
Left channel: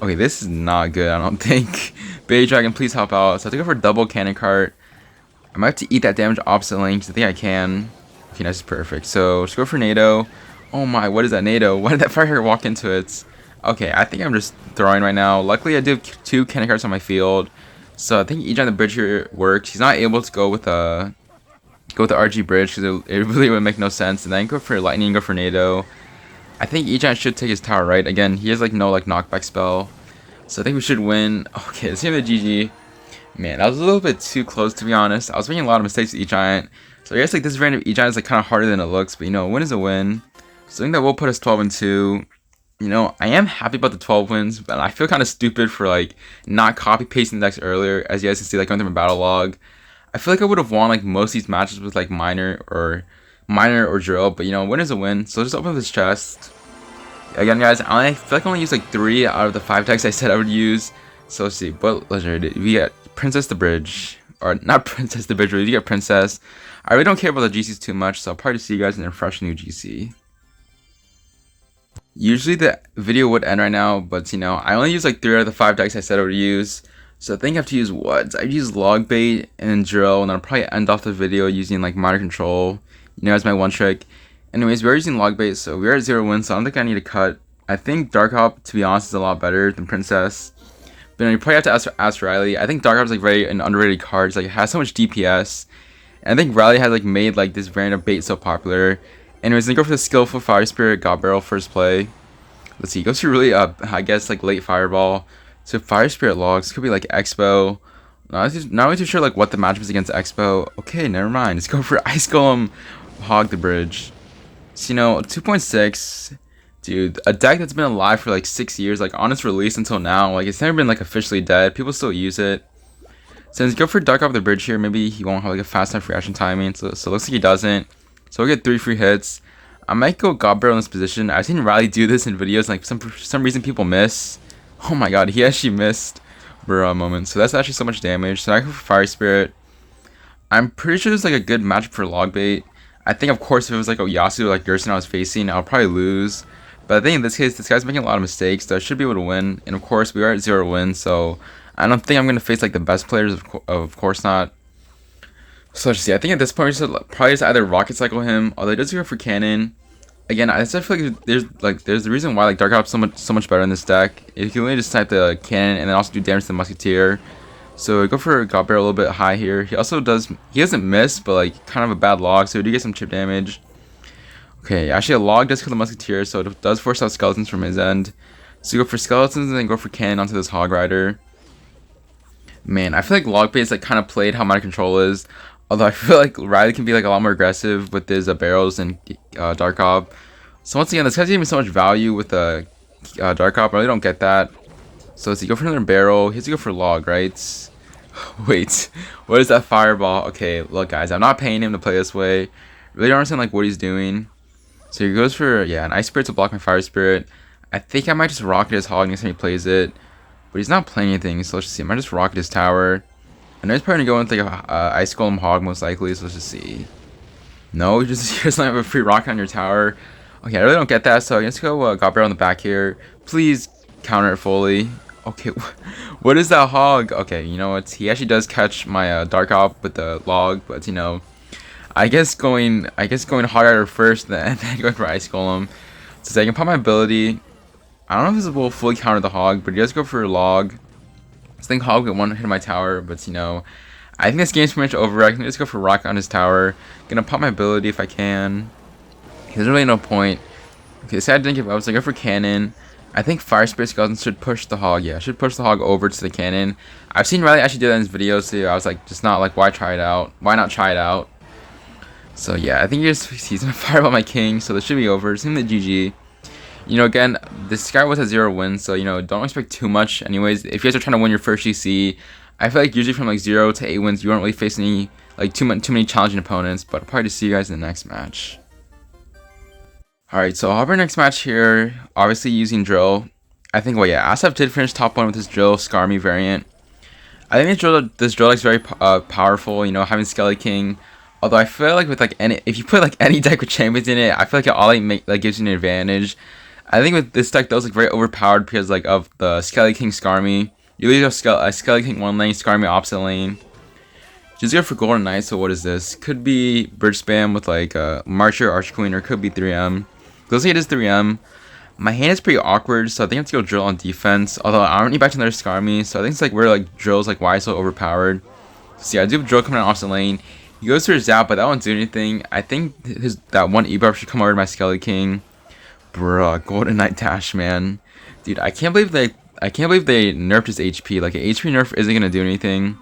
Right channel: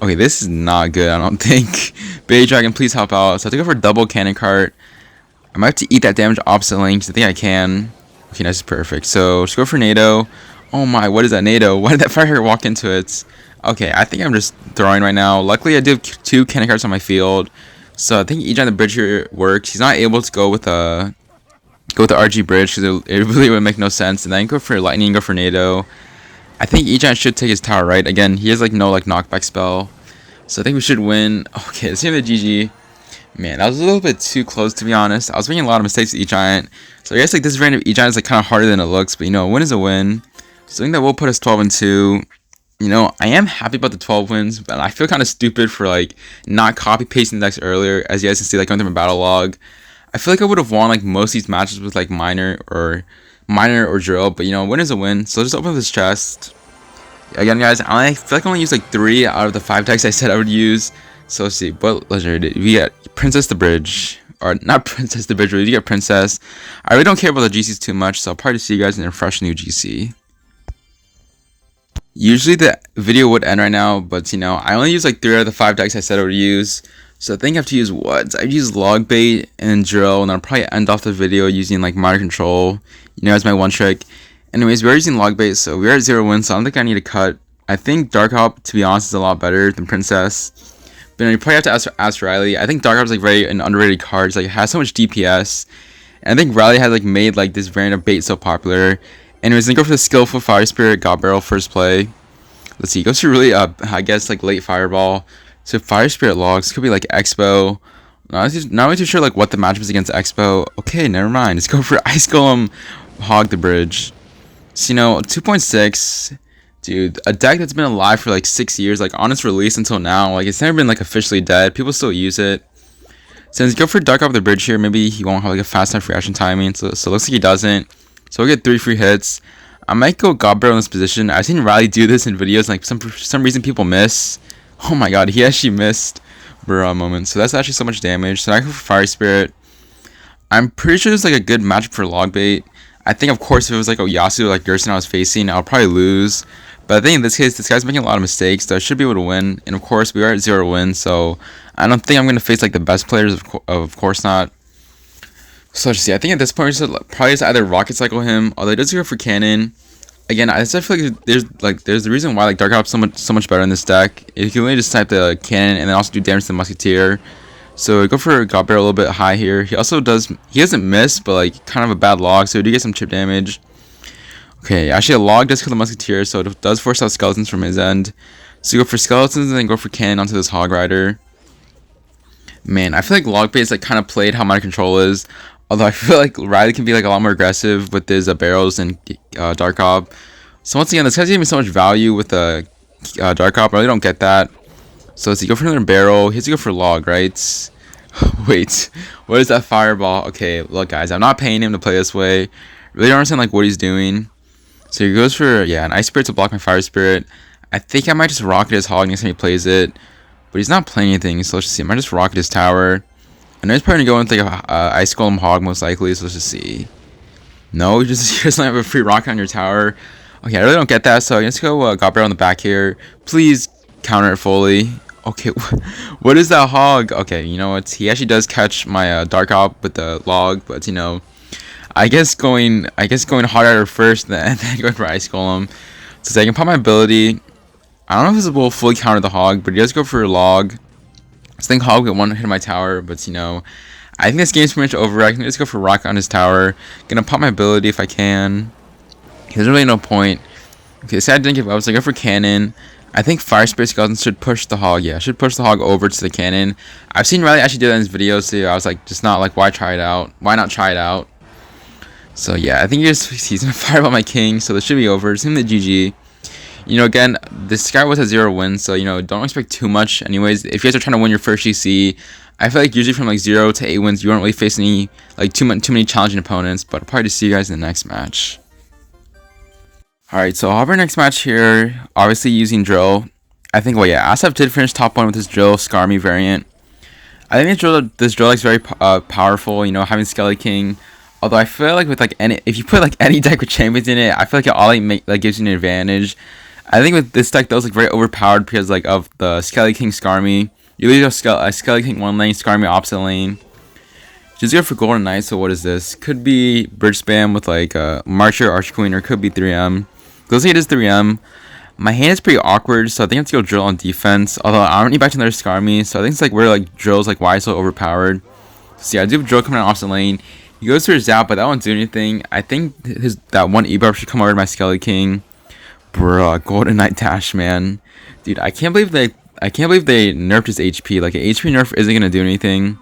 Okay, this is not good, I don't think. Bear Dragon, please help out. So I have to go for double Cannon Cart. I might have to eat that damage opposite lane, because I think I can. Okay, that's perfect. So just go for NATO. Oh my, what is that NATO? Why did that Firecracker walk into it? Okay, I think I'm just throwing right now. Luckily, I do have 2 Cannon Carts on my field. So I think E-Giant the bridge here works. He's not able to go with the RG bridge, because it really would make no sense. And then go for Lightning, go for NATO. I think E-Giant should take his tower, right? Again, he has like no like knockback spell. So I think we should win. Okay, let's give him the GG. Man, that was a little bit too close, to be honest. I was making a lot of mistakes with E-Giant. So I guess like this variant of E-Giant is like kind of harder than it looks. But you know, a win is a win. So I think that will put us 12-2. You know, I am happy about the 12 wins, but I feel kind of stupid for like not copy pasting the decks earlier. As you guys can see, like going through my battle log, I feel like I would have won like most of these matches with like minor minor or drill, but you know, win is a win. So just open this chest. Again, guys, I feel like I only used like 3 out of the 5 decks I said I would use. So let's see, what legendary did we get? Princess the Bridge. Or not Princess the Bridge, but we get Princess. I really don't care about the GCs too much, so I'll probably see you guys in a fresh new GC. Usually the video would end right now, but you know, I only use like 3 out of the 5 decks I said I would use. So I think I have to use what? I've used Log Bait and Drill, and I'll probably end off the video using like Minor Control, you know, as my one trick. Anyways, we're using Log Bait, so we're at 0 wins, so I don't think I need to cut. I think Dark Hop, to be honest, is a lot better than Princess. But you probably have to ask Riley. I think Dark Hop is like very an underrated card. It's like it has so much DPS. And I think Riley had like made like this variant of bait so popular. Anyways, then go for the skillful Fire Spirit, God Barrel first play. Let's see, he goes to really I guess like late Fireball. So Fire Spirit logs could be like Expo. Not really too sure like what the matchup is against Expo. Okay, never mind. Let's go for Ice Golem, Hog the Bridge. So you know, 2.6, dude, a deck that's been alive for like 6 years, like on its release until now, like it's never been like officially dead. People still use it. Since go for Dark Off the Bridge here, maybe he won't have like a fast enough reaction timing. So it looks like he doesn't. So we'll get 3 free hits. I might go God Barrel in this position. I've seen Riley do this in videos, like for some reason people miss. Oh my god, he actually missed Burrow moment. So that's actually so much damage. So I go for Fire Spirit. I'm pretty sure it's like a good matchup for Log Bait. I think of course if it was like Oyasu like Gerson I was facing, I'll probably lose. But I think in this case, this guy's making a lot of mistakes, so I should be able to win. And of course, we are at 0 wins, so I don't think I'm going to face like the best players, of course not. So let's see, I think at this point we should probably just either Rocket Cycle him, although he does go for Cannon. Again, I just feel like there's the reason why like Dark Hop's so much better in this deck. You can really just type the Cannon and then also do damage to the Musketeer. So go for God Barrel a little bit high here. He doesn't miss, but like kind of a bad log, so we do get some chip damage. Okay, actually a log does kill the Musketeer, so it does force out Skeletons from his end. So you go for Skeletons and then go for Cannon onto this Hog Rider. Man, I feel like Log Bait is like kind of played how Minor Control is. Although I feel like Riley can be like a lot more aggressive with his barrels and Dark Hop. So once again, this guy's giving me so much value with the Dark Hop. I really don't get that. So let's see, go for another barrel. He has to go for log, right? Wait, what is that Fireball? Okay, look guys, I'm not paying him to play this way. Really don't understand like what he's doing. So he goes for, yeah, an Ice Spirit to block my Fire Spirit. I think I might just rocket his Hog next time he plays it. But he's not playing anything, so let's just see. I might just rocket his tower. I know he's probably going to go with like a Ice Golem Hog most likely, so let's just see. No, he doesn't have a free rocket on your tower. Okay, I really don't get that, so let's go God Barrel on the back here. Please counter it fully. Okay, what is that Hog? Okay, you know what? He actually does catch my Dark Hop with the log, but you know, I guess going Hog Rider first, then going for Ice Golem. So I can pop my ability. I don't know if this will fully counter the Hog, but he does go for a log. I think Hog will one hit my tower, but you know, I think this game's pretty much over. I can just go for rocket on his tower. Gonna pop my ability if I can. There's really no point. Okay, so I didn't give up. So I go for Cannon. I think Fire Spirit Skeleton should push the Hog. Yeah, should push the Hog over to the Cannon. I've seen Riley actually do that in his videos too. I was like, just not like, why try it out? Why not try it out? So yeah, I think he's gonna Fireball my King. So this should be over. It's in the GG. You know, again, this guy was at 0 wins, so you know, don't expect too much. Anyways, if you guys are trying to win your first GC, I feel like usually from like 0 to 8 wins, you won't really face any like too many challenging opponents. But I'll probably just see you guys in the next match. Alright, so I'll have our next match here, obviously using Drill. I think, well, yeah, Asaf did finish top 1 with his Drill Skarmy variant. I think this drill is very powerful, you know, having Skelly King. Although I feel like with like if you put like any deck with champions in it, I feel like it all like gives you an advantage. I think with this deck, that was like very overpowered because like of the Skelly King Skarmy. You literally have Skelly King one lane, Skarmy opposite lane. Just go for Golden Knight. So what is this? Could be bridge spam with like Marcher, Archer Queen, or could be 3M. Let's say it is 3M. My hand is pretty awkward, so I think I have to go Drill on defense. Although I don't need back to another Skarmy, so I think it's like where like Drill's like why it's so overpowered. So yeah, I do have Drill coming out opposite lane. He goes for his Zap, but that won't do anything. I think that one E-Buff should come over to my Skelly King. Bruh, Golden Knight dash, man. Dude, I can't believe they nerfed his HP. Like, an HP nerf isn't gonna do anything.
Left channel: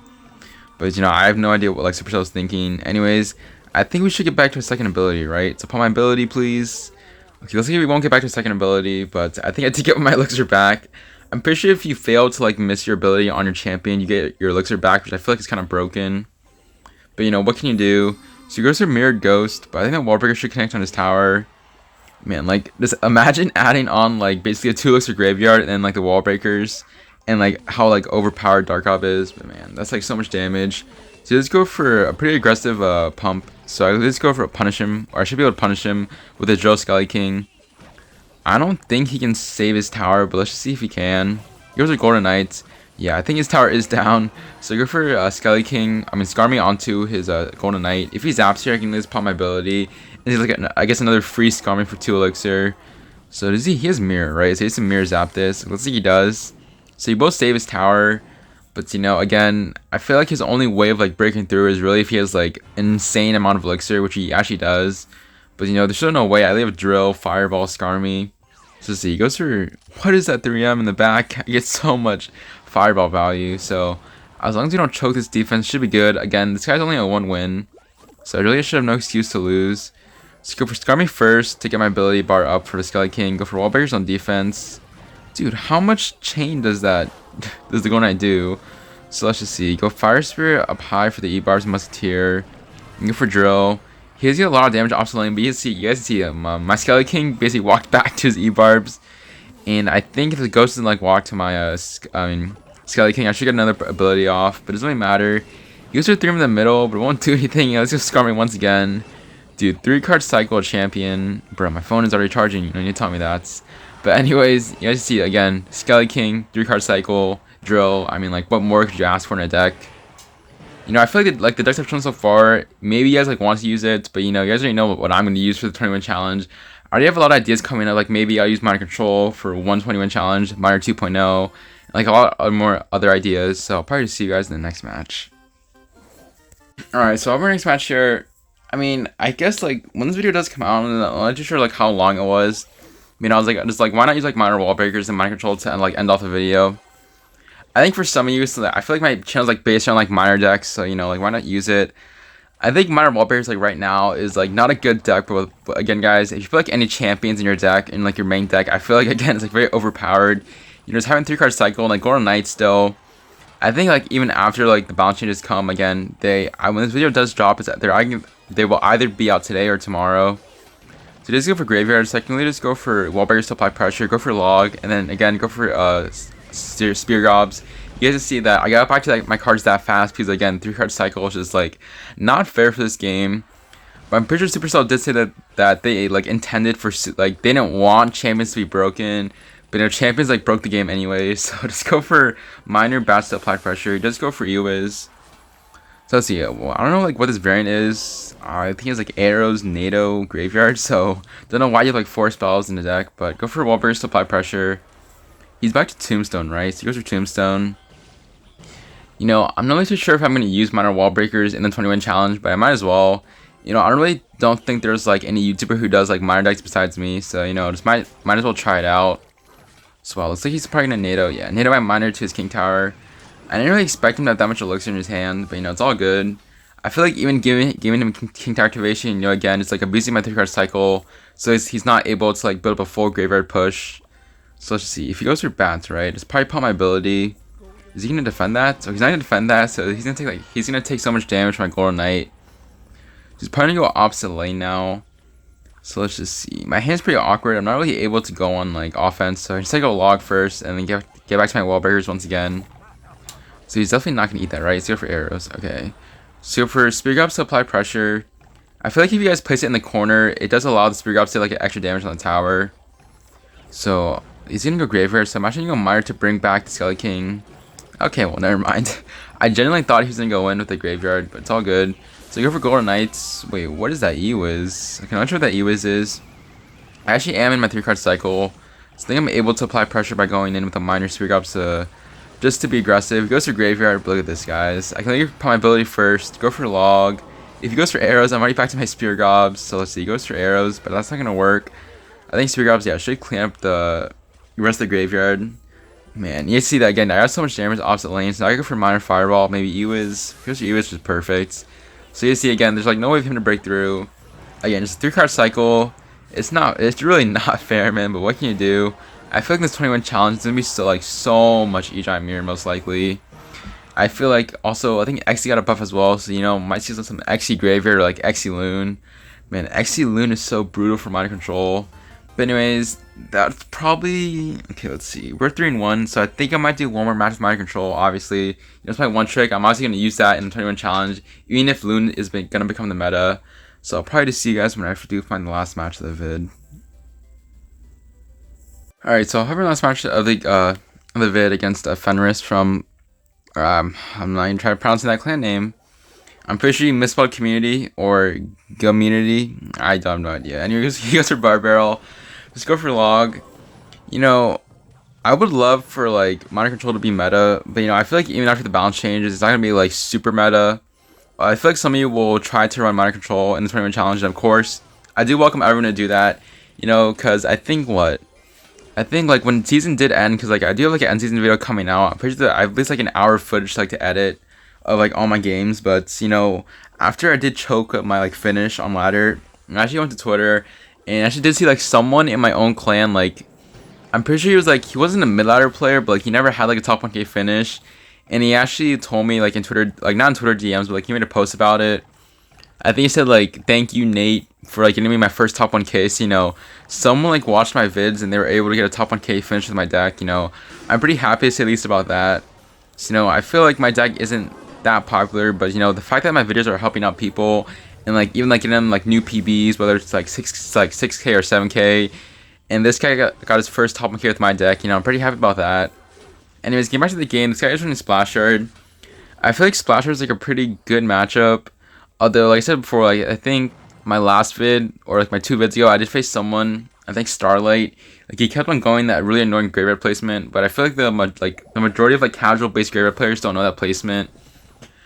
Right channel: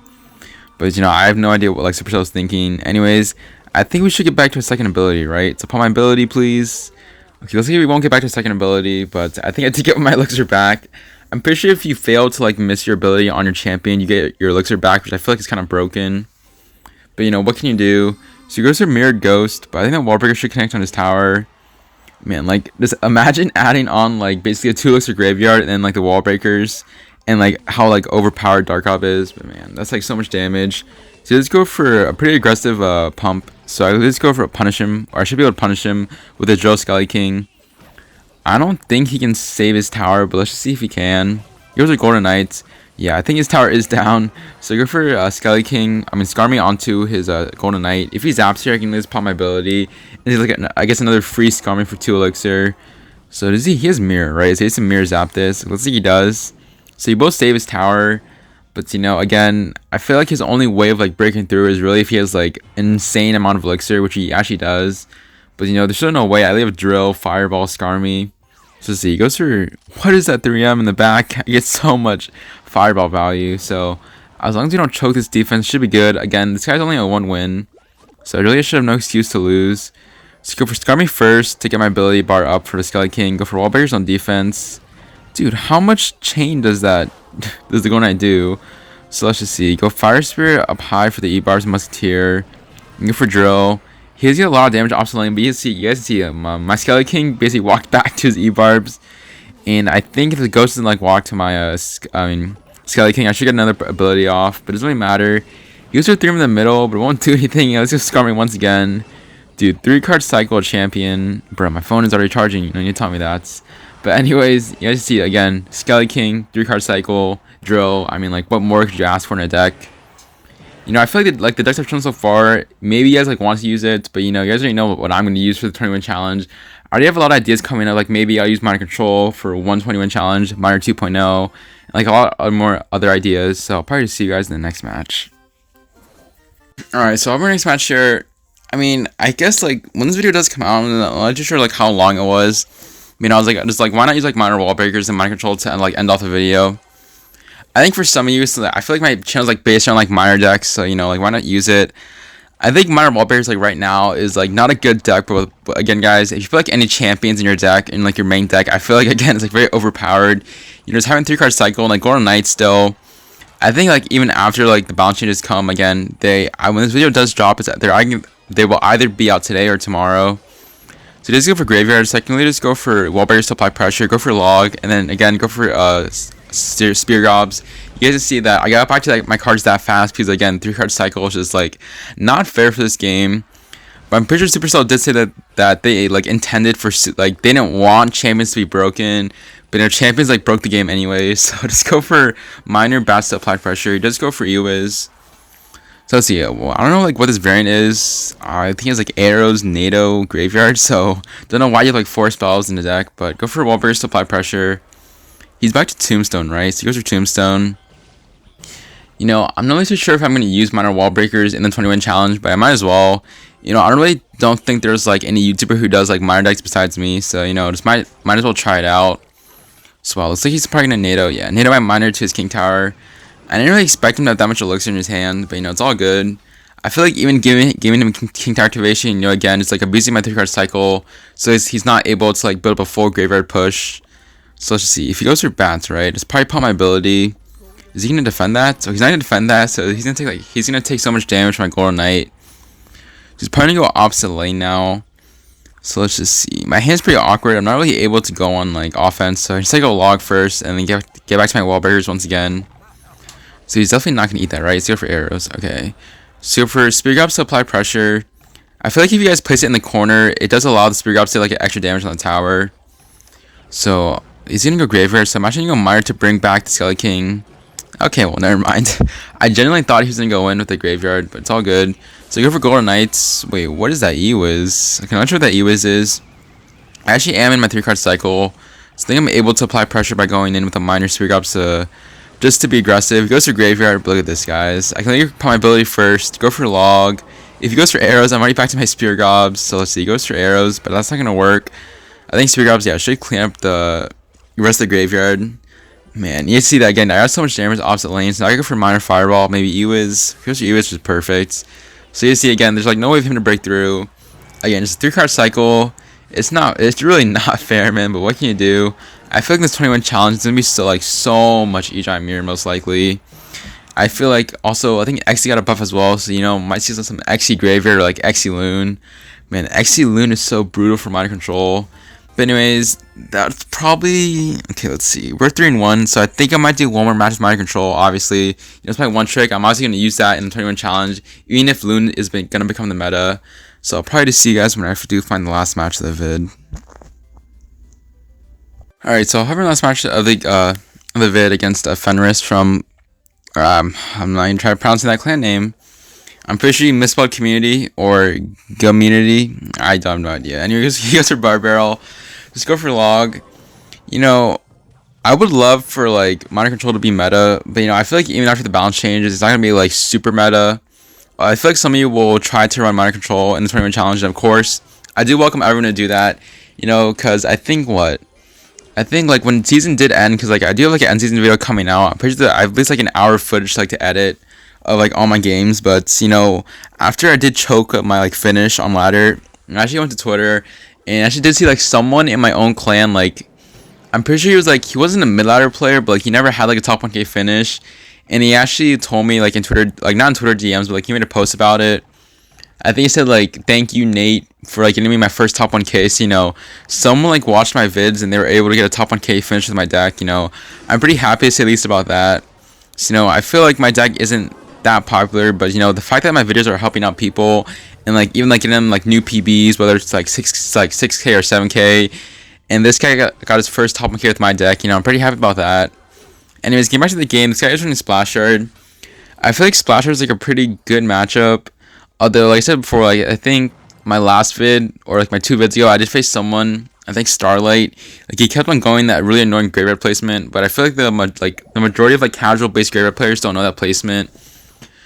But, you know, I have no idea what, like, Supercell's thinking. Anyways, I think we should get back to a second ability, right? So, upon my ability, please. Okay, let's see if we won't get back to a second ability, but I think I did get my elixir back. I'm pretty sure if you fail to, like, miss your ability on your champion, you get your elixir back, which I feel like is kind of broken. But, you know, what can you do? So he goes for Mirrored Ghost, but I think that Wall Breaker should connect on his tower. Man, like, just imagine adding on, like, basically a 2 elixir graveyard and then, like, the Wall Breakers. And, like, how, like, overpowered Dark Hop is. But, man, that's, like, so much damage. So let's go for a pretty aggressive pump. So I let's go for a punish him. Or I should be able to punish him with a Drill Skelly King. I don't think he can save his tower, but let's just see if he can. He goes with Golden Knights. Yeah, I think his tower is down. So go for Skelly King. I mean, Scar me onto his Golden Knight. If he zaps here, I can just pop my ability. And he's like, I guess another free Scar me for 2 elixir. So does he? He has Mirror, right? So he has to Mirror zap this. Let's see if he does. So you both save his tower. But, you know, again, I feel like his only way of, like, breaking through is really if he has, like, an insane amount of elixir, which he actually does. But, you know, there's still no way. I have Drill, Fireball, Scar me. So see, he goes for, what is that 3M in the back? He gets so much Fireball value. So as long as you don't choke this defense, should be good. Again, this guy's only a 1 win. So I really should have no excuse to lose. So go for Scar me first to get my ability bar up for the Skelly King. Go for Wall Breakers on defense. Dude, how much chain does that, does the Golden Knight do? So let's just see. Go Fire Spirit up high for the E-Barbs, Musketeer. Go for Drill. He has a lot of damage off the lane, but you guys can see him. My Skelly King basically walked back to his E-Barbs. And I think if the Ghost doesn't like walk to my Skelly King, I should get another ability off. But it doesn't really matter. He goes for 3 in the middle, but it won't do anything. Let's just Scar me once again. Dude, 3-card cycle champion. Bro, my phone is already charging. You need to tell me that. But anyways, you guys see, again, Skelly King, 3-card cycle, Drill. I mean, like, what more could you ask for in a deck? You know, I feel like the decks I've shown so far, maybe you guys like want to use it, but you know, you guys already know what I'm going to use for the 20-win challenge. I already have a lot of ideas coming up, like maybe I'll use Miner Control for 120-win challenge, Miner 2.0, like a lot of more other ideas. So I'll probably see you guys in the next match. Alright, so our next match here, I mean, I guess like when this video does come out, I'm not too sure like how long it was. I mean, I was like, just like, why not use like Miner Wall Breakers and Miner Control to like end off the video? I think for some of you, so I feel like my channel's like based on like Miner decks, so you know, like why not use it? I think Miner Wall Breakers like right now is like not a good deck, but again, guys, if you feel like any champions in your deck in like your main deck, I feel like again it's like very overpowered. You know, just having 3-card cycle and like Golden Knight still. I think like even after like the balance changes come again, when this video does drop, they will either be out today or tomorrow. So just go for Graveyard. Secondly, just go for Wall Breakers to apply pressure. Go for Log, and then again go for Spear Gobs. You guys can see that I got back to like my cards that fast because again 3-card cycle is just like not fair for this game. But I'm pretty sure Supercell did say that they like intended for like they didn't want champions to be broken, but their champions like broke the game anyway. So just go for Minor Bats to apply pressure. Just go for Ewiz. So let's see. Well, I don't know like what this variant is. I think it's like Arrows, NATO, Graveyard. So don't know why you have like 4 spells in the deck, but go for Wall Breakers to apply pressure. He's back to Tombstone, right? So he goes for Tombstone. You know, I'm not really too sure if I'm going to use Miner Wall Breakers in the 20-win challenge, but I might as well. You know, I really don't think there's like any YouTuber who does like Miner decks besides me, so you know, just might as well try it out. So looks like he's probably going to NATO. Yeah, NATO my Miner to his King Tower. I didn't really expect him to have that much elixir in his hand, but you know, it's all good. I feel like even giving him King Tower activation, you know, again, it's like abusing my 3-card cycle, so he's not able to like build up a full graveyard push. So let's just see. If he goes for Bats, right, just probably pop my ability. Is he gonna defend that? So he's not gonna defend that. So he's gonna take so much damage from my Golden Knight. He's probably gonna go opposite lane now. So let's just see. My hand's pretty awkward. I'm not really able to go on like offense. So I just go Log first and then get back to my Wall Breakers once again. So he's definitely not gonna eat that, right? Let's go for Arrows. Okay. So for Spear Gobs to apply pressure. I feel like if you guys place it in the corner, it does allow the Spear Gobs to like get extra damage on the tower. So he's gonna go Graveyard, so I'm actually gonna go Miner to bring back the Skelly King. Okay, well, never mind. I genuinely thought he was gonna go in with the Graveyard, but it's all good. So go for Golden Knights. Wait, what is that Ewiz? I'm not sure what that Ewiz is. I actually am in my 3-card cycle, so I think I'm able to apply pressure by going in with a Miner Spear Gobs just to be aggressive. He goes for Graveyard, but look at this, guys. I can put my ability first, go for Log. If he goes for Arrows, I'm already back to my Spear Gobs. So let's see, he goes for Arrows, but that's not gonna work. I think Spear Gobs, yeah, should clean up the rest of the Graveyard. Man, you see that again. I got so much damage opposite lanes. Now I go for Miner Fireball, maybe Ewiz. If he goes for Ewiz, is perfect. So you see again, there's like no way for him to break through. Again, it's a 3-card cycle. It's really not fair, man, but what can you do? I feel like this 20-win challenge is gonna be still like so much E-Giant Mirror most likely. I feel like also I think Xe got a buff as well, so might see some Xe Graveyard or like Xe Loon. Man, Xe Loon is so brutal for mind control. But anyways, that's probably okay. Let's see, we're 3-1, so I think I might do one more match with mind control. Obviously, it's my one trick. I'm obviously gonna use that in the 21 challenge, even if Loon is gonna become the meta. So I'll probably just see you guys when I do find the last match of the vid. All right, so I'll have our last match of the vid against Fenris from. I'm not even trying to pronounce that clan name. I'm pretty sure you misspelled community or community. I don't have no idea. Anyways, you guys are bar barrel. Just go for log. I would love for like mind control to be meta, but I feel like even after the balance changes, it's not gonna be like super meta. I feel like some of you will try to run mind control in the tournament challenge, and of course, I do welcome everyone to do that. Because I think like when season did end, because like I do have like an end season video coming out. I'm pretty sure that I have at least like an hour of footage like to edit of like all my games. But after I did choke up my like finish on ladder, I actually went to Twitter and I actually did see like someone in my own clan, like I'm pretty sure he wasn't a mid ladder player, but like he never had like a top 1k finish, and he actually told me like in Twitter, like not in Twitter DMs, but like he made a post about it. I think he said like, thank you Nate for like getting me my first top 1k. So, someone like watched my vids and they were able to get a top 1k finish with my deck. I'm pretty happy to say at least about that. So, I feel like my deck isn't that popular, but the fact that my videos are helping out people and like even like getting them like new PBs, whether it's like 6k or 7k, and this guy got his first top 1k with my deck. I'm pretty happy about that. Anyways, getting back to the game, this guy is running Splash Yard. I feel like Splash Yard is like a pretty good matchup. Although, like I said before, like I think my last vid or like my 2 vids ago, I did face someone. I think Starlight. Like he kept on going that really annoying graveyard placement, but I feel like the majority of like casual based graveyard players don't know that placement.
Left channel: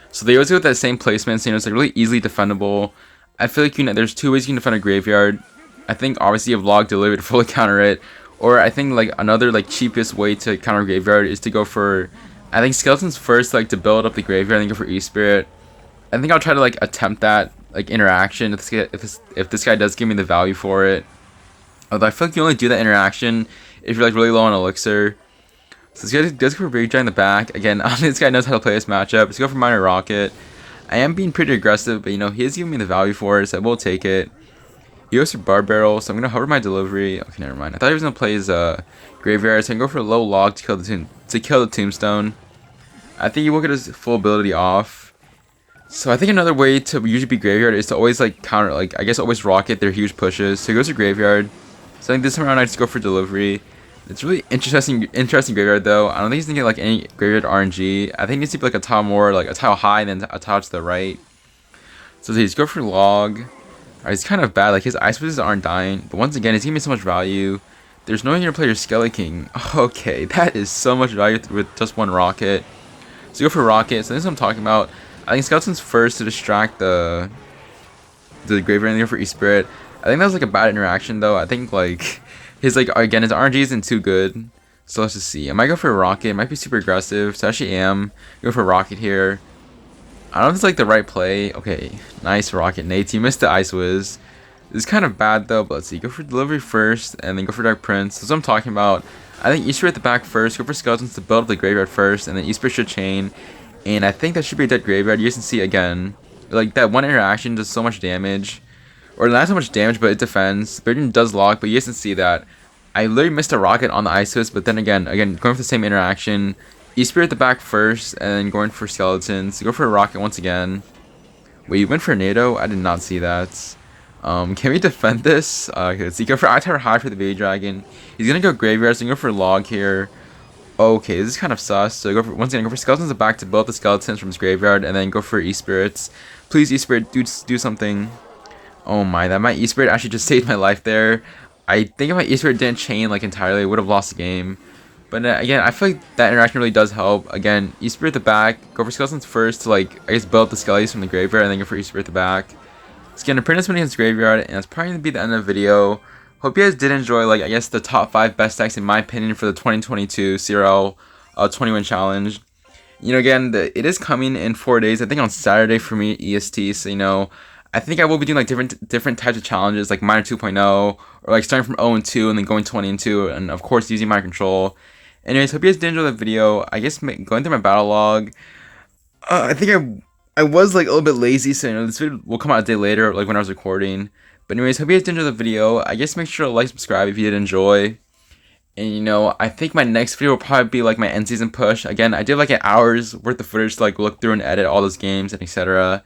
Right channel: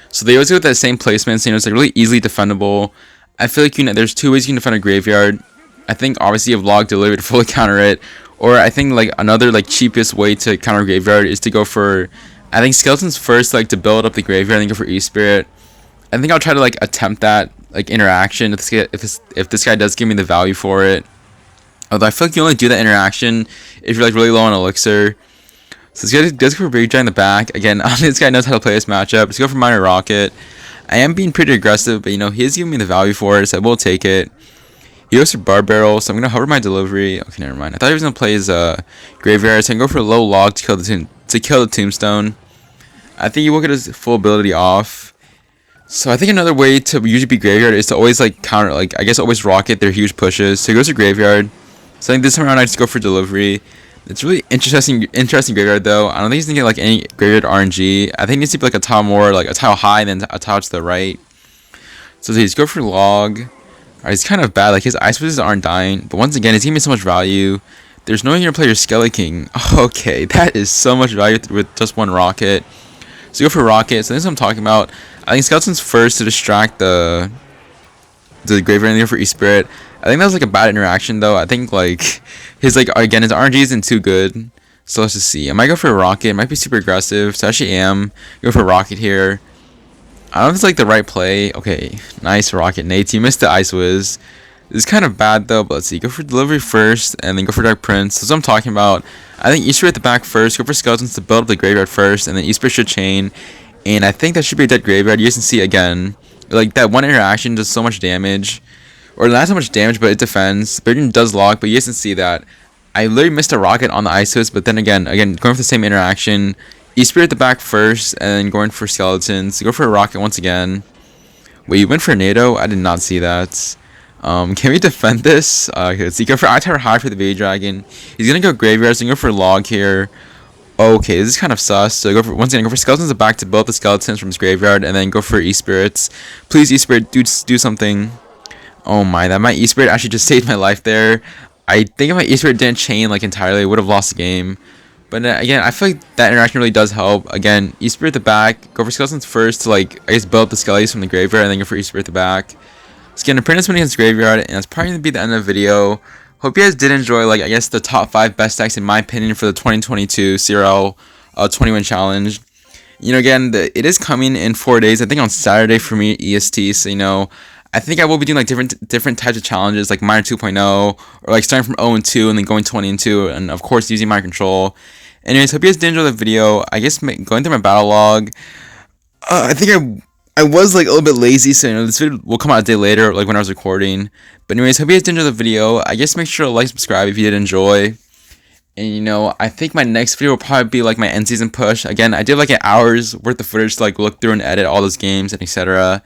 So they always go with that same placement. So it's like really easily defendable. I feel like there's 2 ways you can defend a graveyard. I think obviously you have log delivery to fully counter it, or I think like another like cheapest way to counter graveyard is to go for, I think skeletons first, like to build up the graveyard, and then go for E-Spirit. I think I'll try to like attempt that like interaction if this guy does give me the value for it. Although I feel like you only do that interaction if you're like really low on elixir. So this guy does go for Big Giant in the back. Again, I don't think this guy knows how to play this matchup. Let's go for Minor Rocket. I am being pretty aggressive, but he is giving me the value for it, so I will take it. He goes for Bar Barrel, so I'm gonna hover my delivery. Okay, never mind. I thought he was gonna play his Graveyard, so I can go for a low log to kill the Tombstone. I think he will get his full ability off. So I think another way to usually beat Graveyard is to always like counter, like I guess always rocket their huge pushes. So he goes to Graveyard. So I think this time around I just go for delivery. It's really interesting Graveyard though. I don't think he's gonna get like any Graveyard RNG. I think he needs to be like a tile more, like a tile high and then a tile to the right. So he's go for log. Alright, he's kind of bad. Like his ice pushes aren't dying, but once again, he's giving me so much value. There's no way you're gonna play your Skelly King. Okay, that is so much value with just one rocket. So go for rocket. So this is what I'm talking about. I think Skeleton's first to distract the Graveyard and go for E-Spirit. I think that was like a bad interaction though. I think like his again his RNG isn't too good. So let's just see. I might go for a rocket. It might be super aggressive. So I actually am. Go for a rocket here. I don't know if it's like the right play. Okay, nice rocket. Nate, you missed the Ice Wiz. This is kind of bad though, but let's see. Go for delivery first and then go for Dark Prince. That's what I'm talking about. I think E-Spirit at the back first. Go for Skeletons to build up the Graveyard first, and then E-Spirit should chain. And I think that should be a dead Graveyard. You guys can see again, like that one interaction does so much damage. Or not so much damage, but it defends. Burden does lock, but you guys can see that. I literally missed a rocket on the Isis, but then again, going for the same interaction. E-Spirit at the back first, and then going for Skeletons. Go for a rocket once again. Wait, you went for NATO? I did not see that. Can we defend this? Okay, let's see. Go for I-Tower High for the Baby Dragon. He's gonna go Graveyard, so go for log here. Okay, this is kind of sus. So once again, go for Skeletons at the back to build up the Skeletons from his Graveyard, and then go for E-Spirits. Please, E-Spirit, do something. Oh my, that my E-Spirit actually just saved my life there. I think if my E-Spirit didn't chain like entirely, I would have lost the game. But again, I feel like that interaction really does help. Again, E-Spirit at the back, go for Skeletons first to I guess build up the Skellies from the Graveyard, and then go for E-Spirit at the back. Let's get an apprentice win against Graveyard, and that's probably gonna be the end of the video. Hope you guys did enjoy I guess the top 5 best decks in my opinion for the 2022 CRL 21 challenge. Again, it is coming in 4 days. I think on Saturday for me EST. So I think I will be doing different types of challenges like Minor 2.0 or starting from 0 and 2 and then going 20 and 2, and of course using my control. Anyways, hope you guys did enjoy the video. I guess going through my battle log, I think I was like a little bit lazy, so this video will come out a day later, like when I was recording. But anyways, hope you guys did enjoy the video. I guess make sure to like, subscribe if you did enjoy. And I think my next video will probably be like my end season push. Again, I did like an hour's worth of footage to like look through and edit all those games and etc.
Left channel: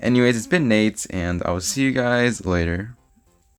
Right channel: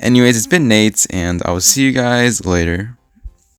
Anyways, it's been Nate, and I will see you guys later.